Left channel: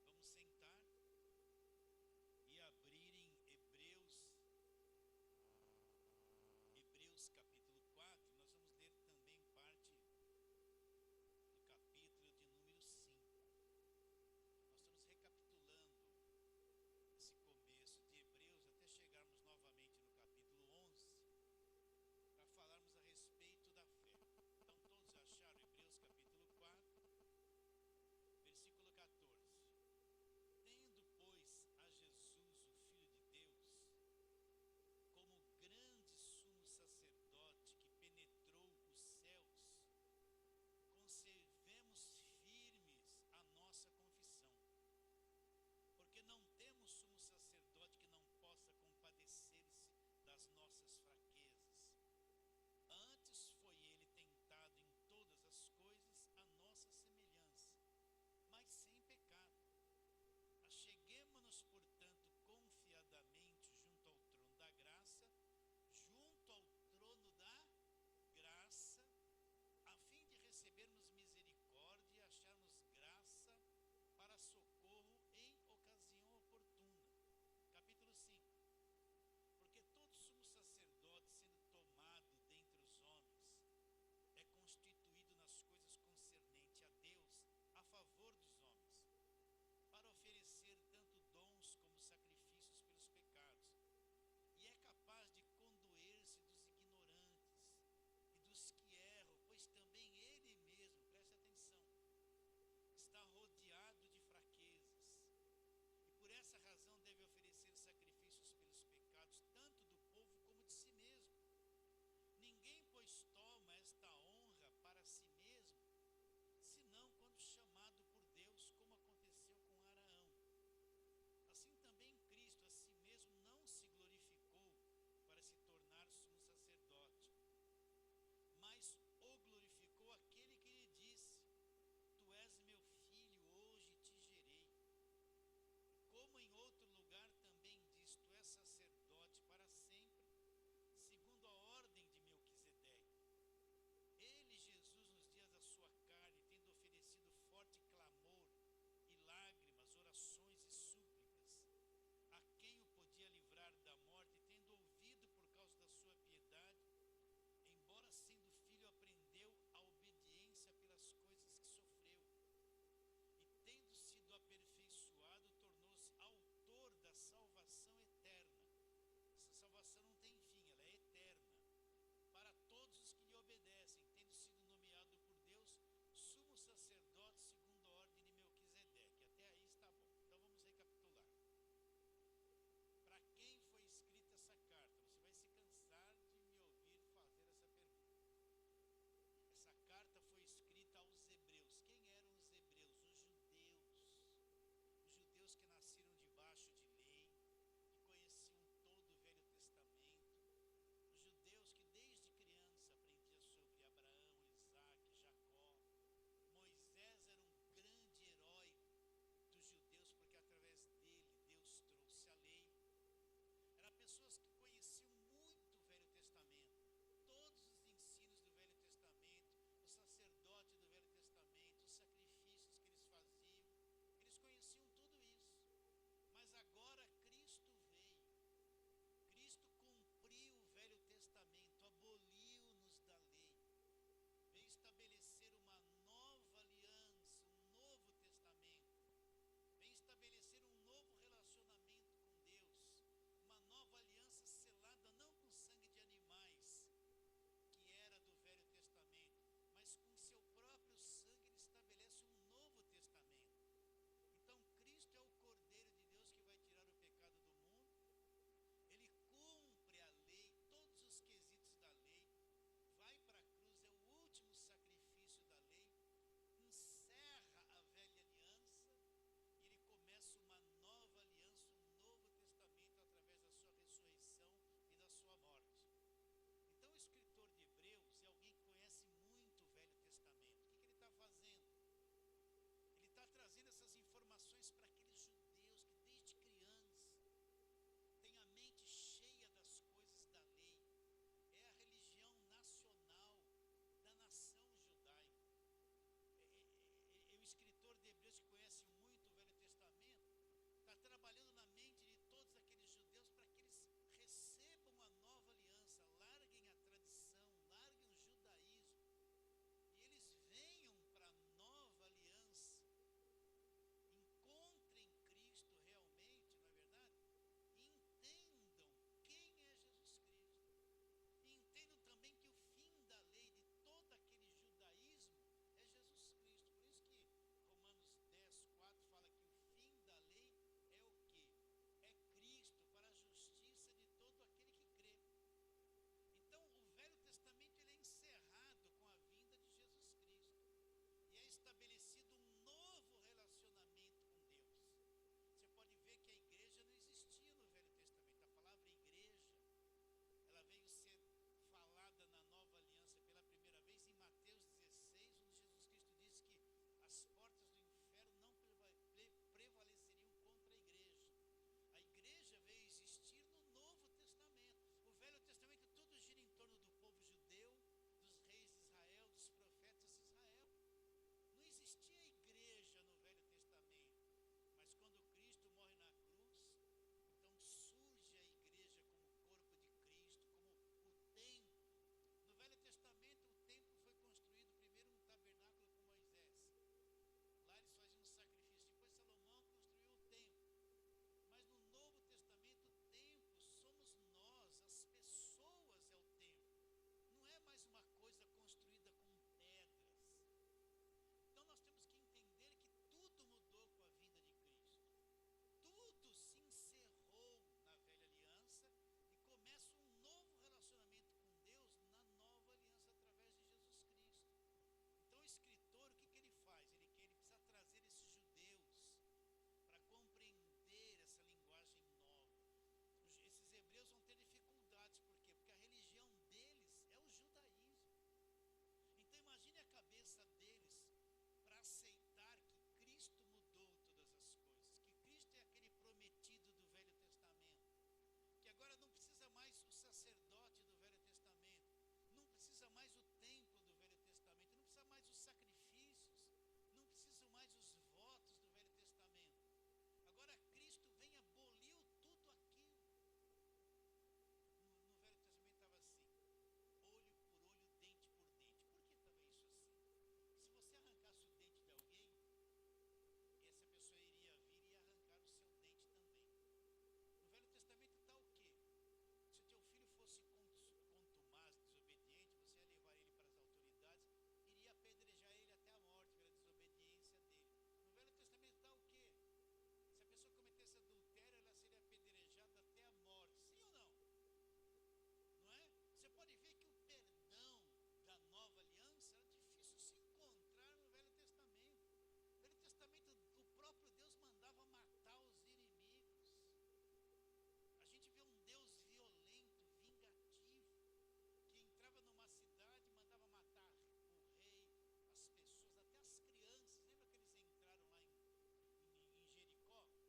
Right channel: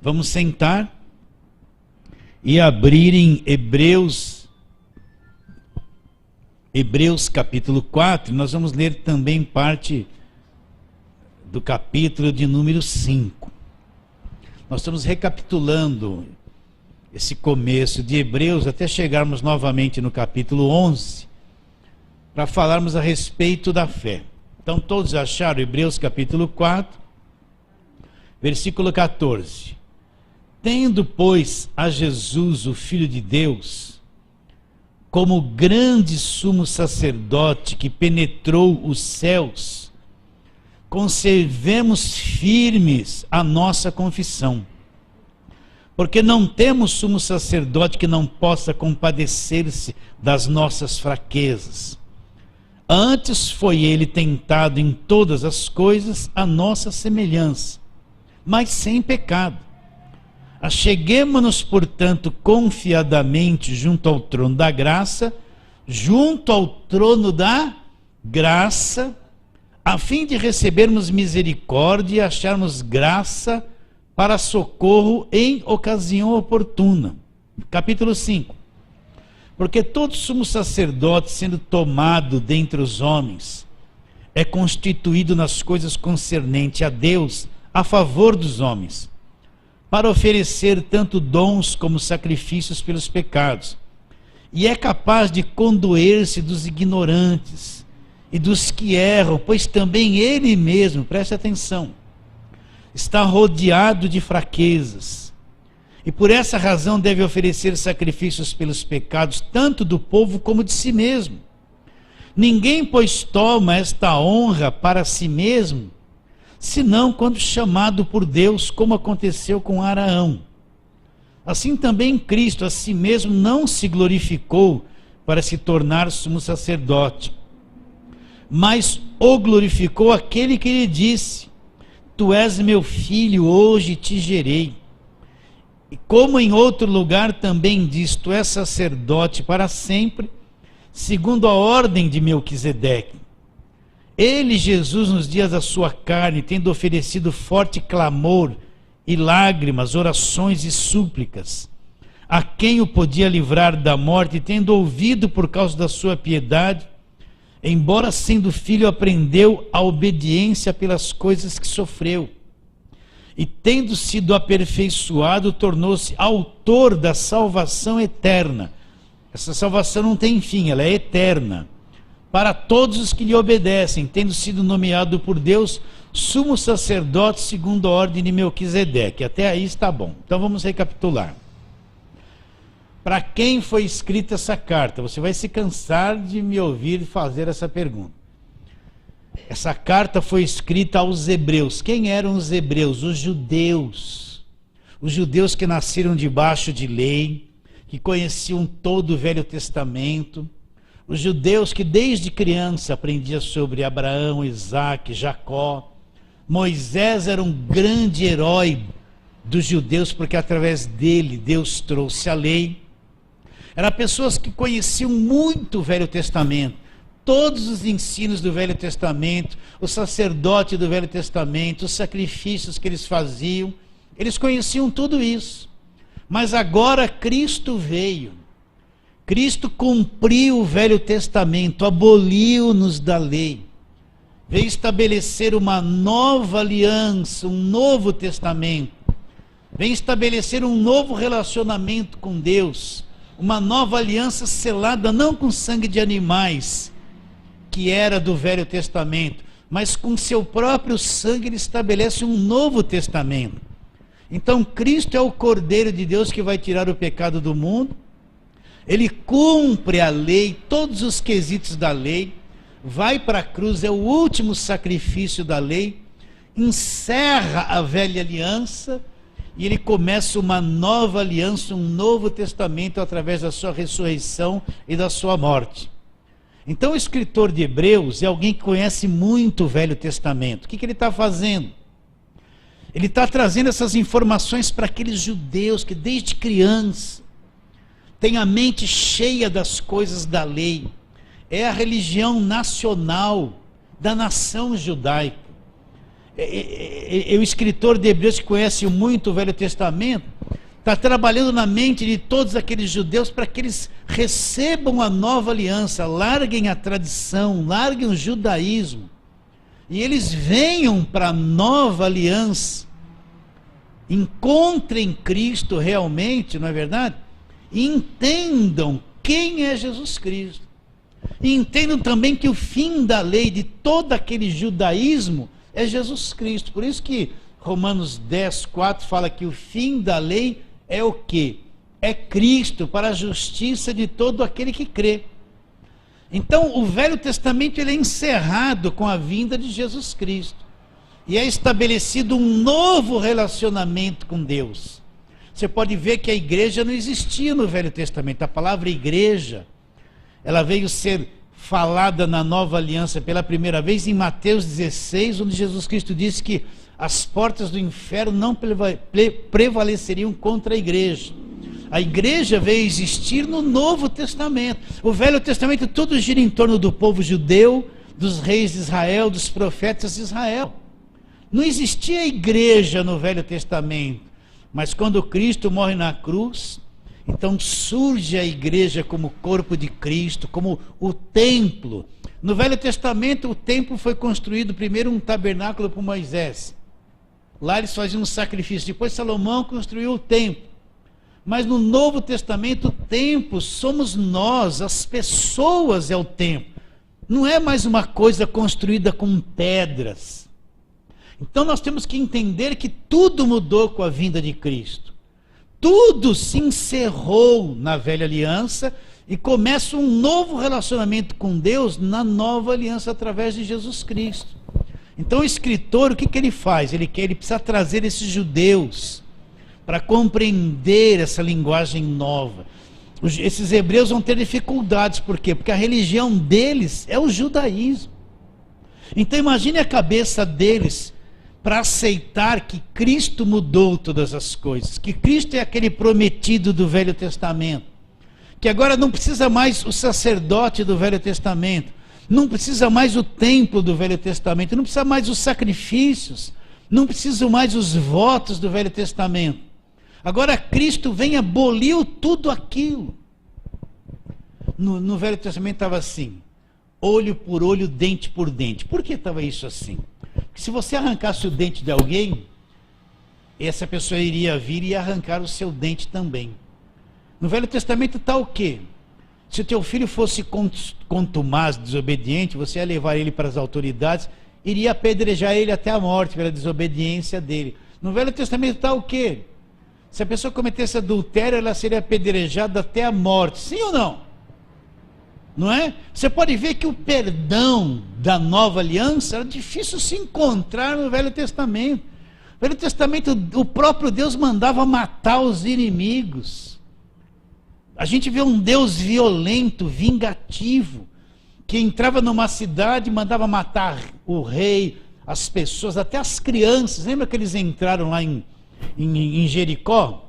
Vamos sentar e abrir em Hebreus capítulo 4. Nós vamos ler também parte do capítulo de número 5. Nós estamos recapitulando esse começo de Hebreus até chegarmos novamente no capítulo 11, para falarmos a respeito da fé. Então todos acharam Hebreus capítulo 4, versículo 14. Tendo, pois, a Jesus, o Filho de Deus, como grande sumo sacerdote que penetrou os céus, conservemos firmes a nossa confissão, porque não temos sumo sacerdote que não possa compadecer-se das nossas fraquezas. Antes foi ele tentado em todas as coisas à nossa semelhança, mas sem pecado. Acheguemo-nos, portanto, confiadamente junto ao trono da graça, a fim de recebermos misericórdia e acharmos graça para socorro em ocasião oportuna. Capítulo 5. Porque todo sumo sacerdote, sendo tomado dentre os homens, é constituído nas coisas concernentes a Deus, a favor dos homens, para oferecer tanto dons como sacrifícios pelos pecados, e é capaz de condoer-se dos ignorantes e dos que erram, pois também ele mesmo, preste atenção, está rodeado de fraquezas, e por essa razão deve oferecer sacrifícios pelos pecados, tanto do povo como de si mesmo. Ninguém, pois, toma esta honra para si mesmo, senão quando chamado por Deus, como aconteceu com Araão. Assim também Cristo a si mesmo não se glorificou para se tornar sumo sacerdote, mas o glorificou aquele que lhe disse: Tu és meu filho, hoje te gerei. E como em outro lugar também diz: Tu és sacerdote para sempre, segundo a ordem de Melquisedeque. Ele, Jesus, nos dias da sua carne, tendo oferecido forte clamor e lágrimas, orações e súplicas, a quem o podia livrar da morte, tendo ouvido por causa da sua piedade, embora sendo filho, aprendeu a obediência pelas coisas que sofreu. E tendo sido aperfeiçoado, tornou-se autor da salvação eterna. Essa salvação não tem fim, ela é eterna. Para todos os que lhe obedecem, tendo sido nomeado por Deus sumo sacerdote segundo a ordem de Melquisedeque. Até aí está bom. Então vamos recapitular. Para quem foi escrita essa carta? Você vai se cansar de me ouvir fazer essa pergunta. Essa carta foi escrita aos hebreus. Quem eram os hebreus? Os judeus. Os judeus que nasceram debaixo de lei, que conheciam todo o Velho Testamento. Os judeus que desde criança aprendiam sobre Abraão, Isaque, Jacó. Moisés era um grande herói dos judeus, porque através dele Deus trouxe a lei. Eram pessoas que conheciam muito o Velho Testamento, todos os ensinos do Velho Testamento, o sacerdote do Velho Testamento, os sacrifícios que eles faziam, eles conheciam tudo isso. Mas agora Cristo veio. Cristo cumpriu o Velho Testamento, aboliu-nos da lei, veio estabelecer uma nova aliança, um novo testamento, veio estabelecer um novo relacionamento com Deus, uma nova aliança selada não com sangue de animais, que era do Velho Testamento, mas com seu próprio sangue ele estabelece um novo testamento. Então Cristo é o Cordeiro de Deus que vai tirar o pecado do mundo. Ele cumpre a lei, todos os quesitos da lei, vai para a cruz, é o último sacrifício da lei, encerra a velha aliança e ele começa uma nova aliança, um novo testamento através da sua ressurreição e da sua morte. Então o escritor de Hebreus é alguém que conhece muito o Velho Testamento. O que ele está fazendo? Ele está trazendo essas informações para aqueles judeus que desde criança tem a mente cheia das coisas da lei. É a religião nacional da nação judaica. o escritor de Hebreus, que conhece muito o Velho Testamento, está trabalhando na mente de todos aqueles judeus para que eles recebam a nova aliança, larguem a tradição, larguem o judaísmo, e eles venham para a nova aliança, encontrem Cristo realmente, não é verdade? E entendam quem é Jesus Cristo. E entendam também que o fim da lei de todo aquele judaísmo é Jesus Cristo. Por isso que Romanos 10, 4 fala que o fim da lei é o quê? É Cristo, para a justiça de todo aquele que crê. Então o Velho Testamento ele é encerrado com a vinda de Jesus Cristo. E é estabelecido um novo relacionamento com Deus. Você pode ver que a igreja não existia no Velho Testamento. A palavra igreja, ela veio ser falada na nova aliança pela primeira vez em Mateus 16, onde Jesus Cristo disse que as portas do inferno não prevaleceriam contra a igreja. A igreja veio existir no Novo Testamento. O Velho Testamento tudo gira em torno do povo judeu, dos reis de Israel, dos profetas de Israel. Não existia igreja no Velho Testamento, mas quando Cristo morre na cruz, então surge a igreja como corpo de Cristo, como o templo. No Velho Testamento o templo foi construído primeiro um tabernáculo por Moisés. Lá eles faziam um sacrifício, depois Salomão construiu o templo. Mas no Novo Testamento o templo somos nós, as pessoas é o templo. Não é mais uma coisa construída com pedras. Então nós temos que entender que tudo mudou com a vinda de Cristo. Tudo se encerrou na velha aliança e começa um novo relacionamento com Deus na nova aliança através de Jesus Cristo. Então o escritor, o que ele faz? Ele precisa trazer esses judeus para compreender essa linguagem nova. Esses hebreus vão ter dificuldades, por quê? Porque a religião deles é o judaísmo. Então imagine a cabeça deles para aceitar que Cristo mudou todas as coisas, que Cristo é aquele prometido do Velho Testamento, que agora não precisa mais o sacerdote do Velho Testamento, não precisa mais o templo do Velho Testamento, não precisa mais os sacrifícios, não precisa mais os votos do Velho Testamento. Agora Cristo vem e aboliu tudo aquilo. No Velho Testamento estava assim, olho por olho, dente por dente. Por que estava isso assim? Porque se você arrancasse o dente de alguém, essa pessoa iria vir e arrancar o seu dente também. No Velho Testamento está o quê? Se o teu filho fosse contumaz, desobediente, você ia levar ele para as autoridades, iria apedrejar ele até a morte pela desobediência dele. No Velho Testamento está o quê? Se a pessoa cometesse adultério, ela seria apedrejada até a morte. Sim ou não? Não é? Você pode ver que o perdão da nova aliança era difícil se encontrar no Velho Testamento. No Velho Testamento, o próprio Deus mandava matar os inimigos. A gente vê um Deus violento, vingativo, que entrava numa cidade e mandava matar o rei, as pessoas, até as crianças. Lembra que eles entraram lá em Jericó?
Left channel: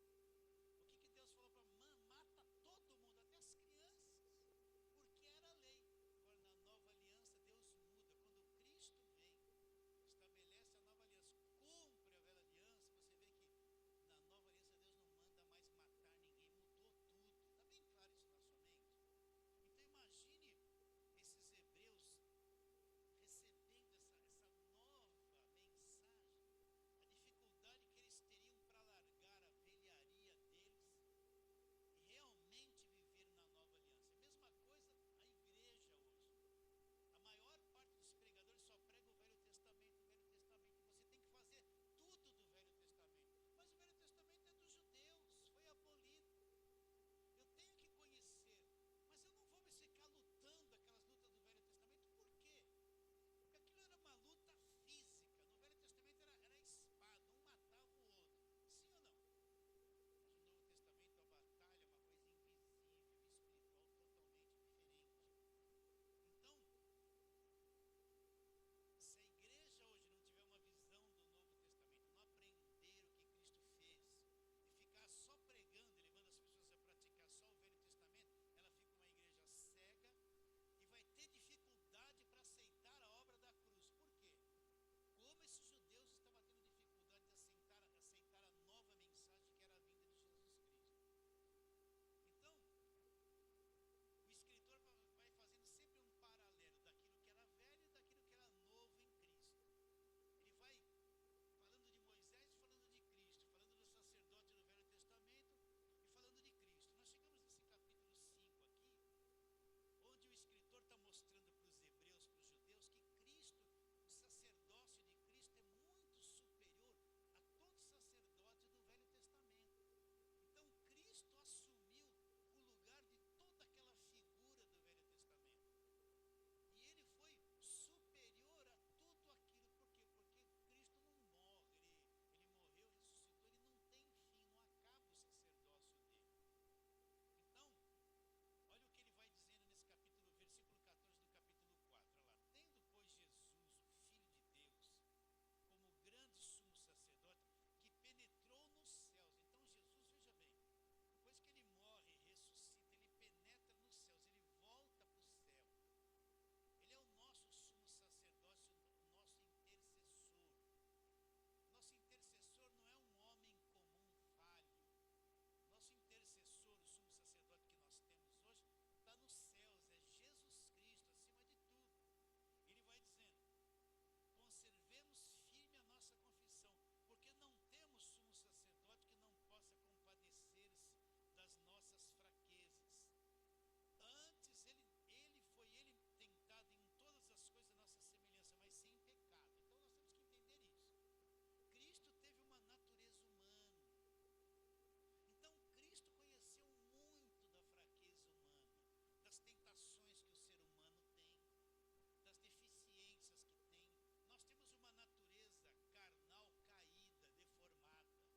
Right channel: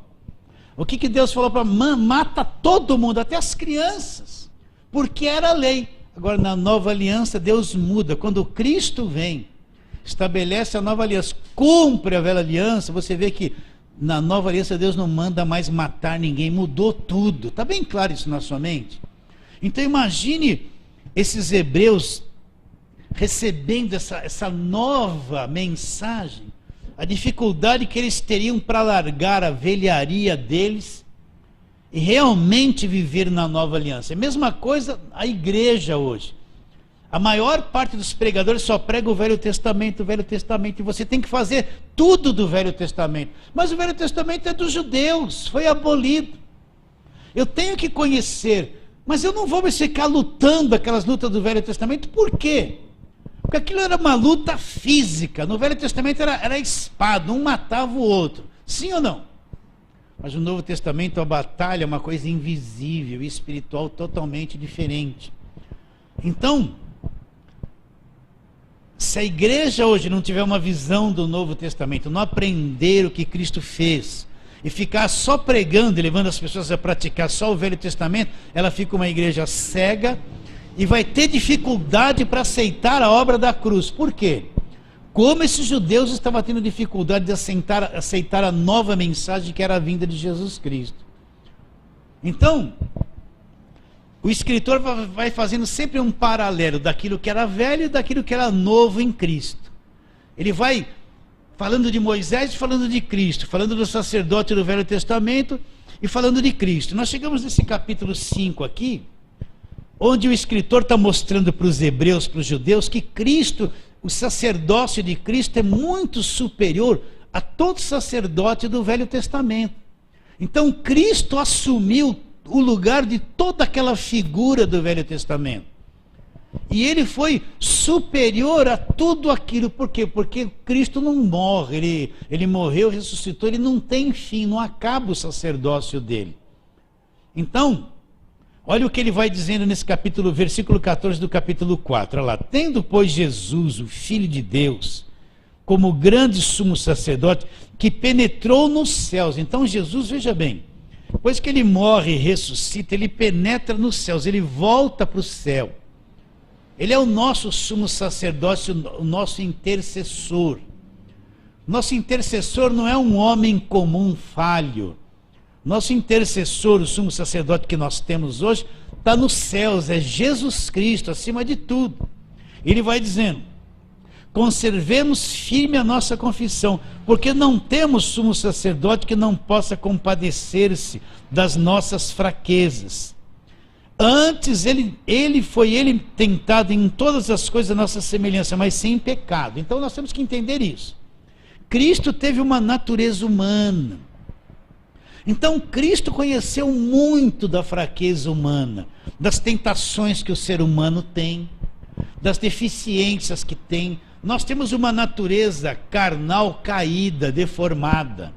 O que Deus falou para mata todo mundo, até as crianças, porque era a lei. Agora na nova aliança Deus muda. Quando Cristo vem, estabelece a nova aliança, cumpre a velha aliança, você vê que na nova aliança Deus não manda mais matar ninguém, mudou tudo. Está bem claro isso na sua mente? Então imagine esses hebreus recebendo essa nova mensagem, a dificuldade que eles teriam para largar a velharia deles e realmente viver na nova aliança. É a mesma coisa a igreja hoje. A maior parte dos pregadores só prega o Velho Testamento, e você tem que fazer tudo do Velho Testamento. Mas o Velho Testamento é dos judeus, foi abolido. Eu tenho que conhecer, mas eu não vou mais ficar lutando aquelas lutas do Velho Testamento. Por quê? Porque aquilo era uma luta física. No Velho Testamento era espada, um matava o outro. Sim ou não? Mas no Novo Testamento a batalha é uma coisa invisível, espiritual, totalmente diferente. Então, se a igreja hoje não tiver uma visão do Novo Testamento, não aprender o que Cristo fez, e ficar só pregando e levando as pessoas a praticar só o Velho Testamento, ela fica uma igreja cega e vai ter dificuldade para aceitar a obra da cruz. Por quê? como esses judeus estavam tendo dificuldade de aceitar a nova mensagem que era a vinda de Jesus Cristo. Então, o escritor vai fazendo sempre um paralelo daquilo que era velho e daquilo que era novo em Cristo. Ele vai falando de Moisés e falando de Cristo, falando do sacerdote do Velho Testamento e falando de Cristo. Nós chegamos nesse capítulo 5 aqui, onde o escritor está mostrando para os hebreus, para os judeus, que Cristo, o sacerdócio de Cristo é muito superior a todo sacerdote do Velho Testamento. Então Cristo assumiu o lugar de toda aquela figura do Velho Testamento. E ele foi superior a tudo aquilo. Por quê? Porque Cristo não morre, ele morreu, ressuscitou, ele não tem fim, não acaba o sacerdócio dele. Então, olha o que ele vai dizendo nesse capítulo, versículo 14 do capítulo 4. Olha lá. Tendo, pois, Jesus, o Filho de Deus, como grande sumo sacerdote, que penetrou nos céus. Então Jesus, veja bem, depois que ele morre e ressuscita, ele penetra nos céus, ele volta para o céu. Ele é o nosso sumo sacerdote, o nosso intercessor. Nosso intercessor não é um homem comum falho. Nosso intercessor, o sumo sacerdote que nós temos hoje, está nos céus, é Jesus Cristo, acima de tudo. Ele vai dizendo: conservemos firme a nossa confissão, porque não temos sumo sacerdote que não possa compadecer-se das nossas fraquezas. Antes, ele foi tentado em todas as coisas a nossa semelhança, mas sem pecado. Então nós temos que entender isso. Cristo teve uma natureza humana. Então Cristo conheceu muito da fraqueza humana, das tentações que o ser humano tem, das deficiências que tem. Nós temos uma natureza carnal caída, deformada.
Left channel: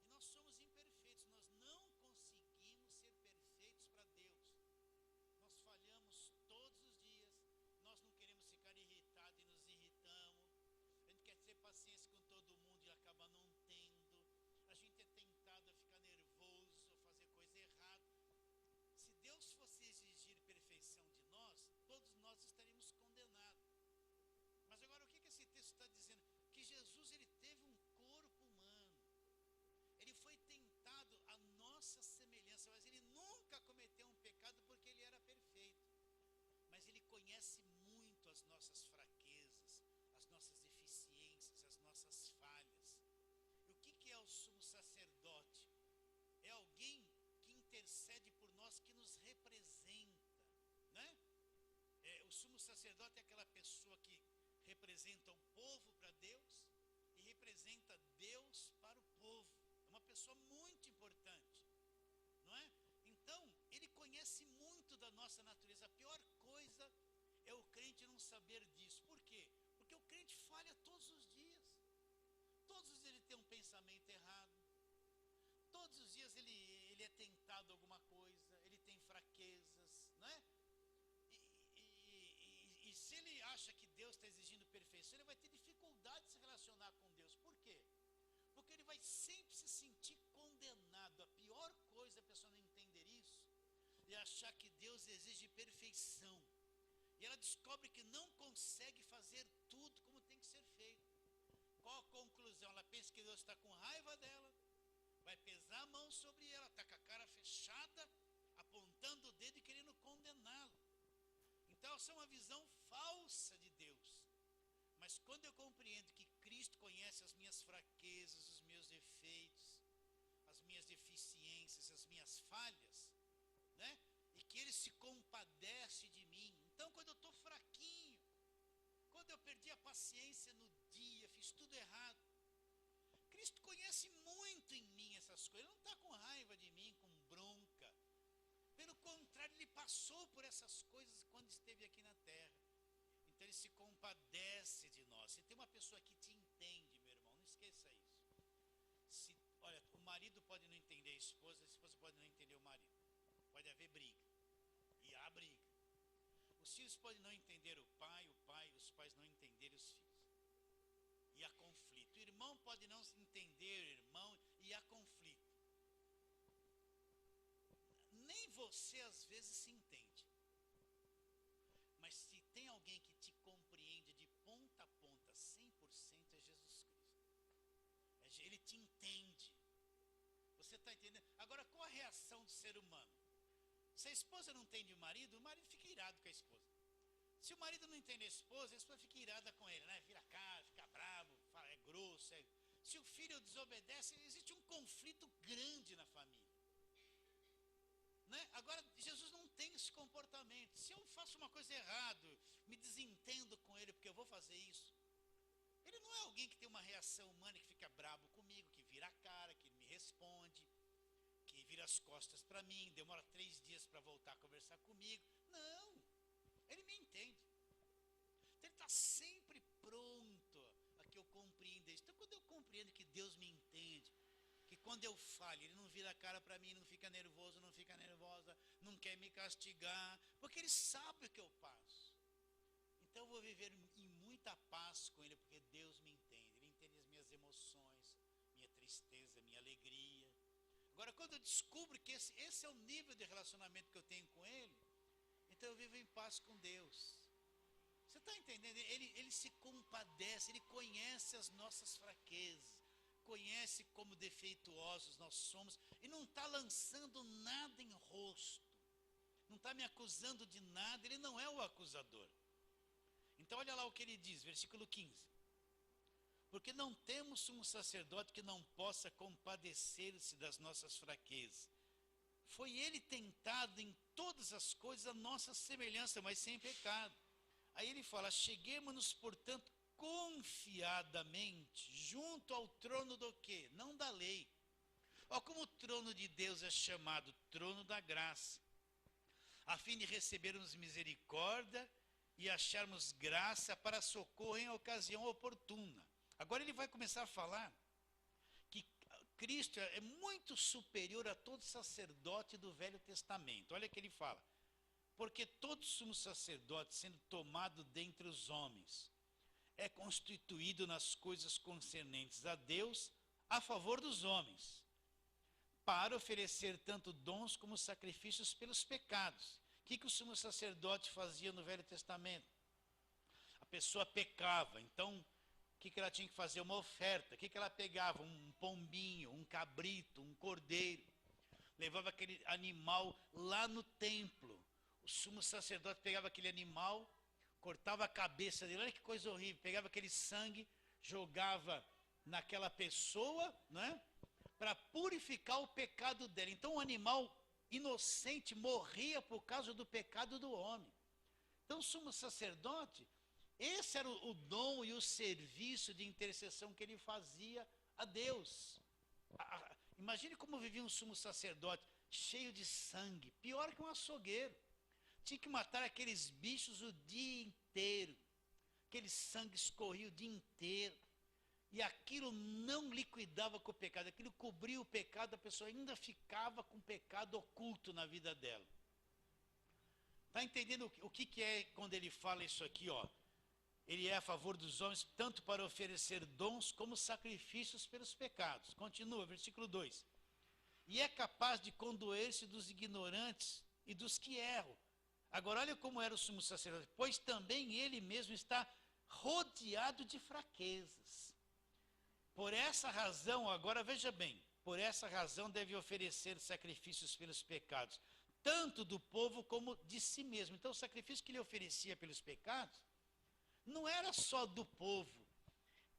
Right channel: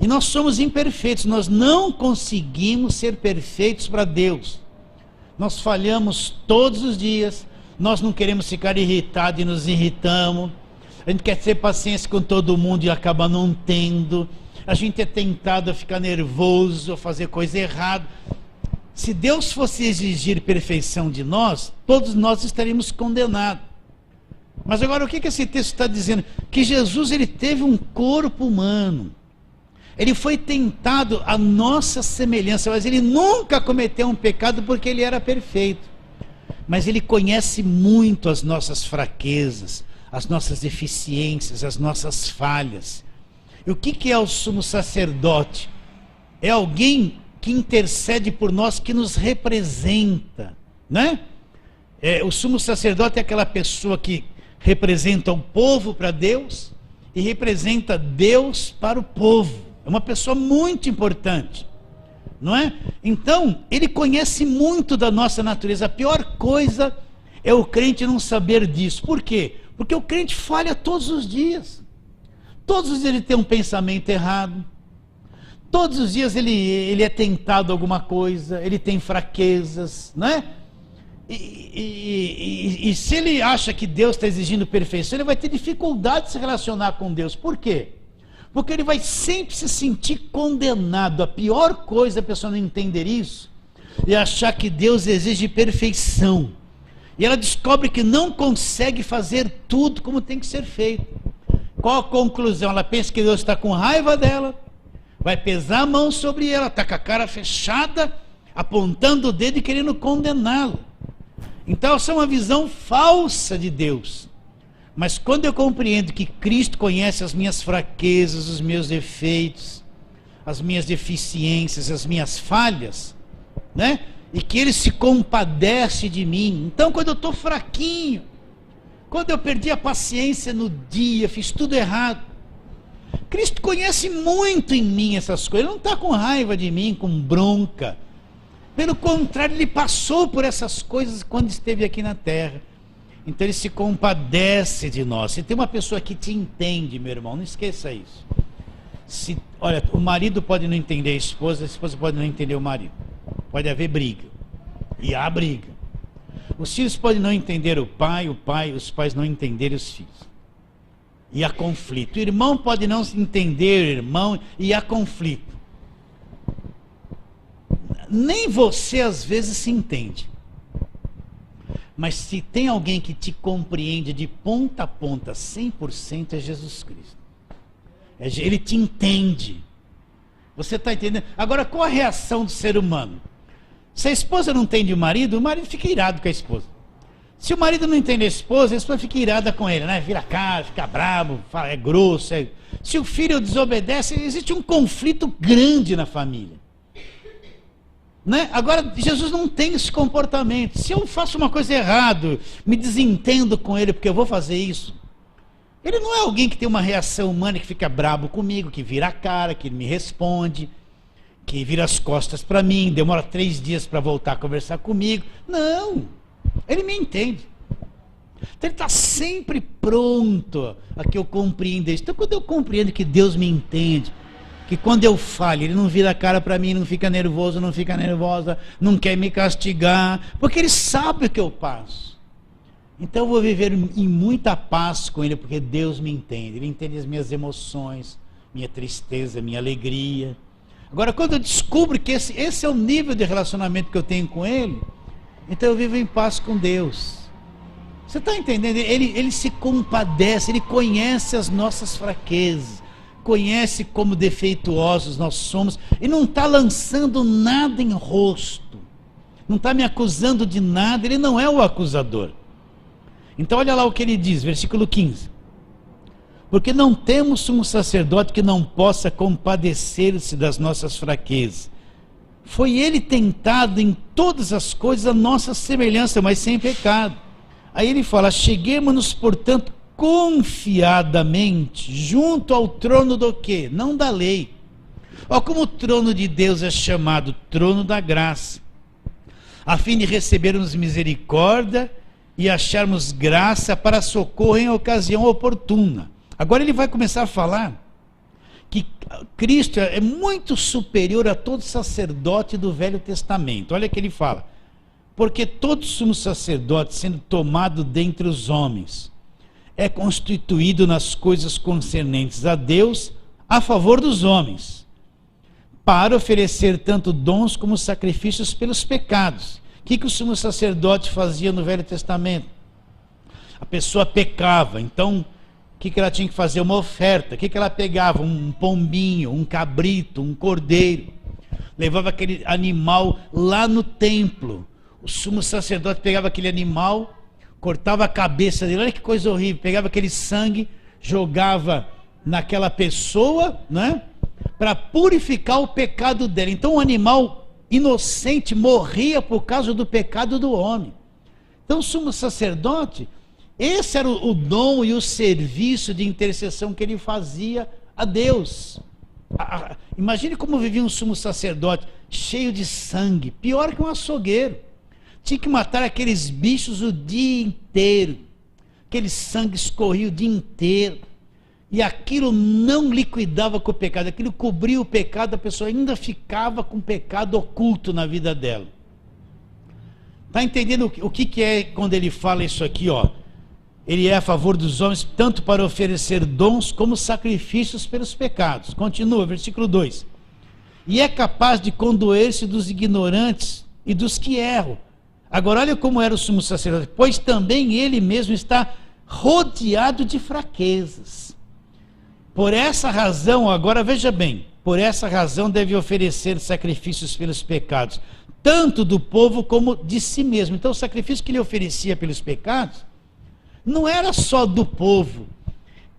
E nós somos imperfeitos, nós não conseguimos ser perfeitos para Deus. Nós falhamos todos os dias, nós não queremos ficar irritados e nos irritamos. A gente quer ter paciência com todo mundo e acaba não tendo. A gente é tentado a ficar nervoso, a fazer coisa errada. Se Deus fosse exigir perfeição de nós, todos nós estaríamos condenados. Mas agora o que esse texto está dizendo? Que Jesus, ele teve um corpo humano. Ele foi tentado à nossa semelhança, mas ele nunca cometeu um pecado porque ele era perfeito. Mas ele conhece muito as nossas fraquezas, as nossas deficiências, as nossas falhas. E o que é o sumo sacerdote? É alguém que intercede por nós, que nos representa, né? O sumo sacerdote é aquela pessoa que representa o povo para Deus e representa Deus para o povo. É uma pessoa muito importante, não é? Então, ele conhece muito da nossa natureza. A pior coisa é o crente não saber disso. Por quê? Porque o crente falha todos os dias. Todos os dias ele tem um pensamento errado. Todos os dias ele é tentado a alguma coisa, ele tem fraquezas, não é? E se ele acha que Deus está exigindo perfeição, ele vai ter dificuldade de se relacionar com Deus. Por quê? Porque ele vai sempre se sentir condenado. A pior coisa é a pessoa não entender isso e achar que Deus exige perfeição. E ela descobre que não consegue fazer tudo como tem que ser feito. Qual a conclusão? Ela pensa que Deus está com raiva dela, vai pesar a mão sobre ela, está com a cara fechada, apontando o dedo e querendo condená-la. Então essa é uma visão falsa de Deus. Mas quando eu compreendo que Cristo conhece as minhas fraquezas, os meus defeitos, as minhas deficiências, as minhas falhas, né? E que Ele se compadece de mim. Então quando eu estou fraquinho, quando eu perdi a paciência no dia, fiz tudo errado, Cristo conhece muito em mim essas coisas. Ele não está com raiva de mim, com bronca. Pelo contrário, Ele passou por essas coisas quando esteve aqui na terra. Então ele se compadece de nós. Se tem uma pessoa que te entende, meu irmão, não esqueça isso. Olha, o marido pode não entender a esposa pode não entender o marido. Pode haver briga. E há briga. Os filhos podem não entender os pais não entenderem os filhos. E há conflito. O irmão pode não entender o irmão e há conflito. Nem você às vezes se entende. Mas se tem alguém que te compreende de ponta a ponta, 100%, é Jesus Cristo. Ele te entende. Você está entendendo? Agora, qual a reação do ser humano? Se a esposa não entende o marido fica irado com a esposa. Se o marido não entende a esposa fica irada com ele, né? Vira a cara, fica bravo, fala, é grosso. Se o filho desobedece, existe um conflito grande na família. Né? Agora, Jesus não tem esse comportamento. Se eu faço uma coisa errada, me desentendo com ele porque eu vou fazer isso, ele não é alguém que tem uma reação humana, que fica brabo comigo, que vira a cara, que me responde, que vira as costas para mim, demora 3 dias para voltar a conversar comigo. Não, ele me entende. Então ele está sempre pronto a que eu compreenda isso. Então quando eu compreendo que Deus me entende, que quando eu falho, ele não vira a cara para mim, não fica nervoso, não fica nervosa, não quer me castigar, porque ele sabe o que eu passo. Então eu vou viver em muita paz com ele, porque Deus me entende. Ele entende as minhas emoções, minha tristeza, minha alegria. Agora, quando eu descubro que esse é o nível de relacionamento que eu tenho com ele, então eu vivo em paz com Deus. Você está entendendo? Ele se compadece, ele conhece as nossas fraquezas, conhece como defeituosos nós somos, e não está lançando nada em rosto, não está me acusando de nada, ele não é o acusador. Então olha lá o que ele diz, versículo 15. Porque não temos sumo sacerdote que não possa compadecer-se das nossas fraquezas. Foi ele tentado em todas as coisas a nossa semelhança, mas sem pecado. Aí ele fala, cheguemos-nos, portanto, confiadamente junto ao trono do quê? Não da lei. Olha como o trono de Deus é chamado trono da graça, a fim de recebermos misericórdia e acharmos graça para socorro em ocasião oportuna. Agora ele vai começar a falar que Cristo é muito superior a todo sacerdote do Velho Testamento. Olha o que ele fala. Porque todo sumo sacerdote, sendo tomado dentre os homens, é constituído nas coisas concernentes a Deus, a favor dos homens, para oferecer tanto dons como sacrifícios pelos pecados. O que o sumo sacerdote fazia no Velho Testamento? A pessoa pecava, então o que ela tinha que fazer? Uma oferta. O que ela pegava? Um pombinho, um cabrito, um cordeiro. Levava aquele animal lá no templo. O sumo sacerdote pegava aquele animal, cortava a cabeça dele, olha que coisa horrível, pegava aquele sangue, jogava naquela pessoa, né, para purificar o pecado dela. Então o animal inocente morria por causa do pecado do homem. Então o sumo sacerdote, esse era o dom e o serviço de intercessão que ele fazia a Deus. Imagine como vivia um sumo sacerdote, cheio de sangue, pior que um açougueiro. Tinha que matar aqueles bichos o dia inteiro, aquele sangue escorria o dia inteiro, e aquilo não liquidava com o pecado, aquilo cobria o pecado, a pessoa ainda ficava com o pecado oculto na vida dela. Está entendendo o que é quando ele fala isso aqui, ó? Ele é a favor dos homens, tanto para oferecer dons como sacrifícios pelos pecados. Continua, versículo 2. E é capaz de condoer-se dos ignorantes e dos que erram. Agora olha como era o sumo sacerdote, pois também ele mesmo está rodeado de fraquezas. Por essa razão, agora veja bem, por essa razão deve oferecer sacrifícios pelos pecados, tanto do povo como de si mesmo. Então o sacrifício que ele oferecia pelos pecados, não era só do povo,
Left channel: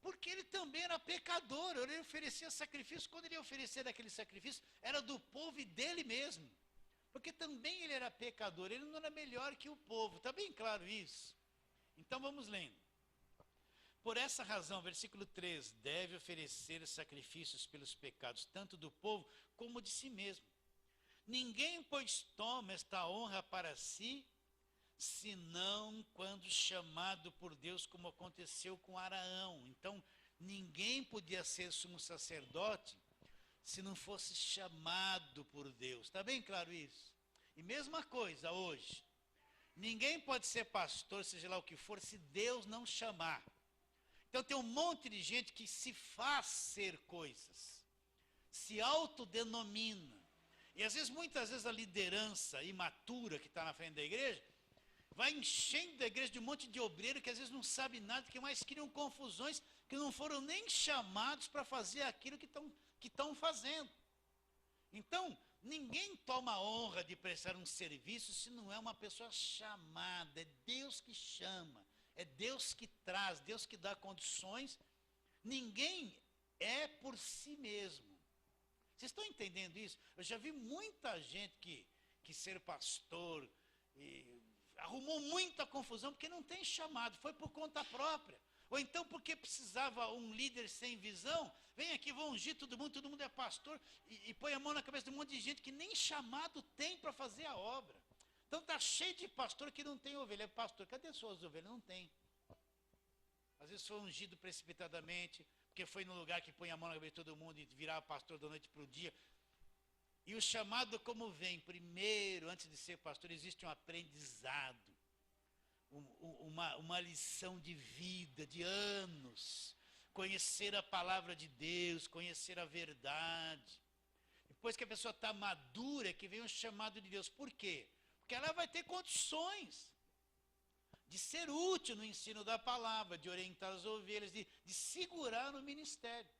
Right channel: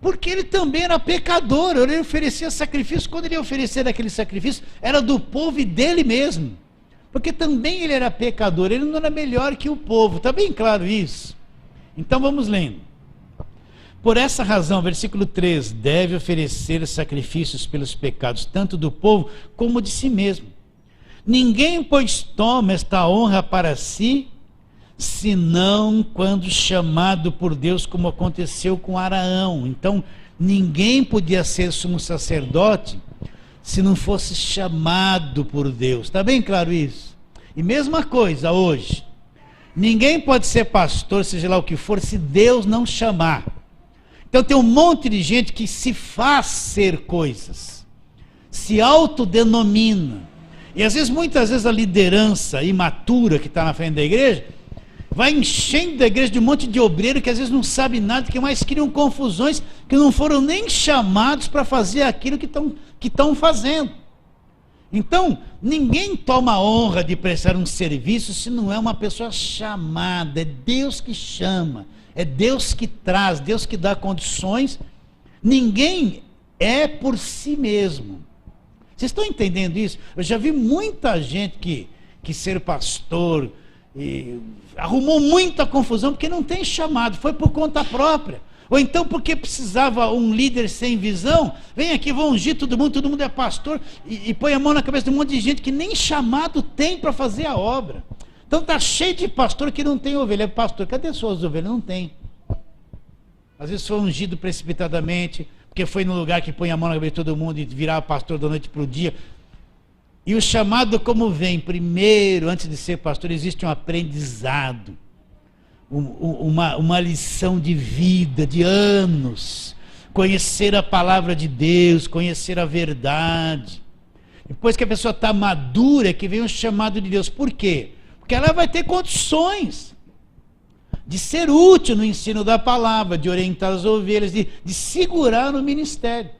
porque ele também era pecador, ele oferecia sacrifício, quando ele oferecia aquele sacrifício, era do povo e dele mesmo. Porque também ele era pecador, ele não era melhor que o povo, está bem claro isso? Então vamos lendo. Por essa razão, versículo 3, deve oferecer sacrifícios pelos pecados, tanto do povo como de si mesmo. Ninguém, pois, toma esta honra para si, senão quando chamado por Deus, como aconteceu com Araão. Então, ninguém podia ser sumo sacerdote se não fosse chamado por Deus. Está bem claro isso? E mesma coisa hoje. Ninguém pode ser pastor, seja lá o que for, se Deus não chamar. Então tem um monte de gente que se faz ser coisas, se autodenomina. E às vezes, muitas vezes, a liderança imatura que está na frente da igreja, vai enchendo a igreja de um monte de obreiro que às vezes não sabe nada, que mais criam confusões, que não foram nem chamados para fazer aquilo que estão fazendo. Então, ninguém toma a honra de prestar um serviço se não é uma pessoa chamada. É Deus que chama, é Deus que traz, Deus que dá condições. Ninguém é por si mesmo. Vocês estão entendendo isso? Eu já vi muita gente que ser pastor arrumou muita confusão porque não tem chamado, foi por conta própria. Ou então porque precisava um líder sem visão, vem aqui, vou ungir todo mundo é pastor, e põe a mão na cabeça de um monte de gente que nem chamado tem para fazer a obra. Então está cheio de pastor que não tem ovelha. Pastor, cadê suas ovelhas? Não tem. Às vezes foi ungido precipitadamente, porque foi no lugar que põe a mão na cabeça de todo mundo e virar pastor da noite para o dia. E o chamado como vem? Primeiro, antes de ser pastor, existe um aprendizado. Uma lição de vida, de anos, conhecer a palavra de Deus, conhecer a verdade. Depois que a pessoa está madura, é que vem o chamado de Deus. Por quê? Porque ela vai ter condições de ser útil no ensino da palavra, de orientar as ovelhas, de segurar no ministério.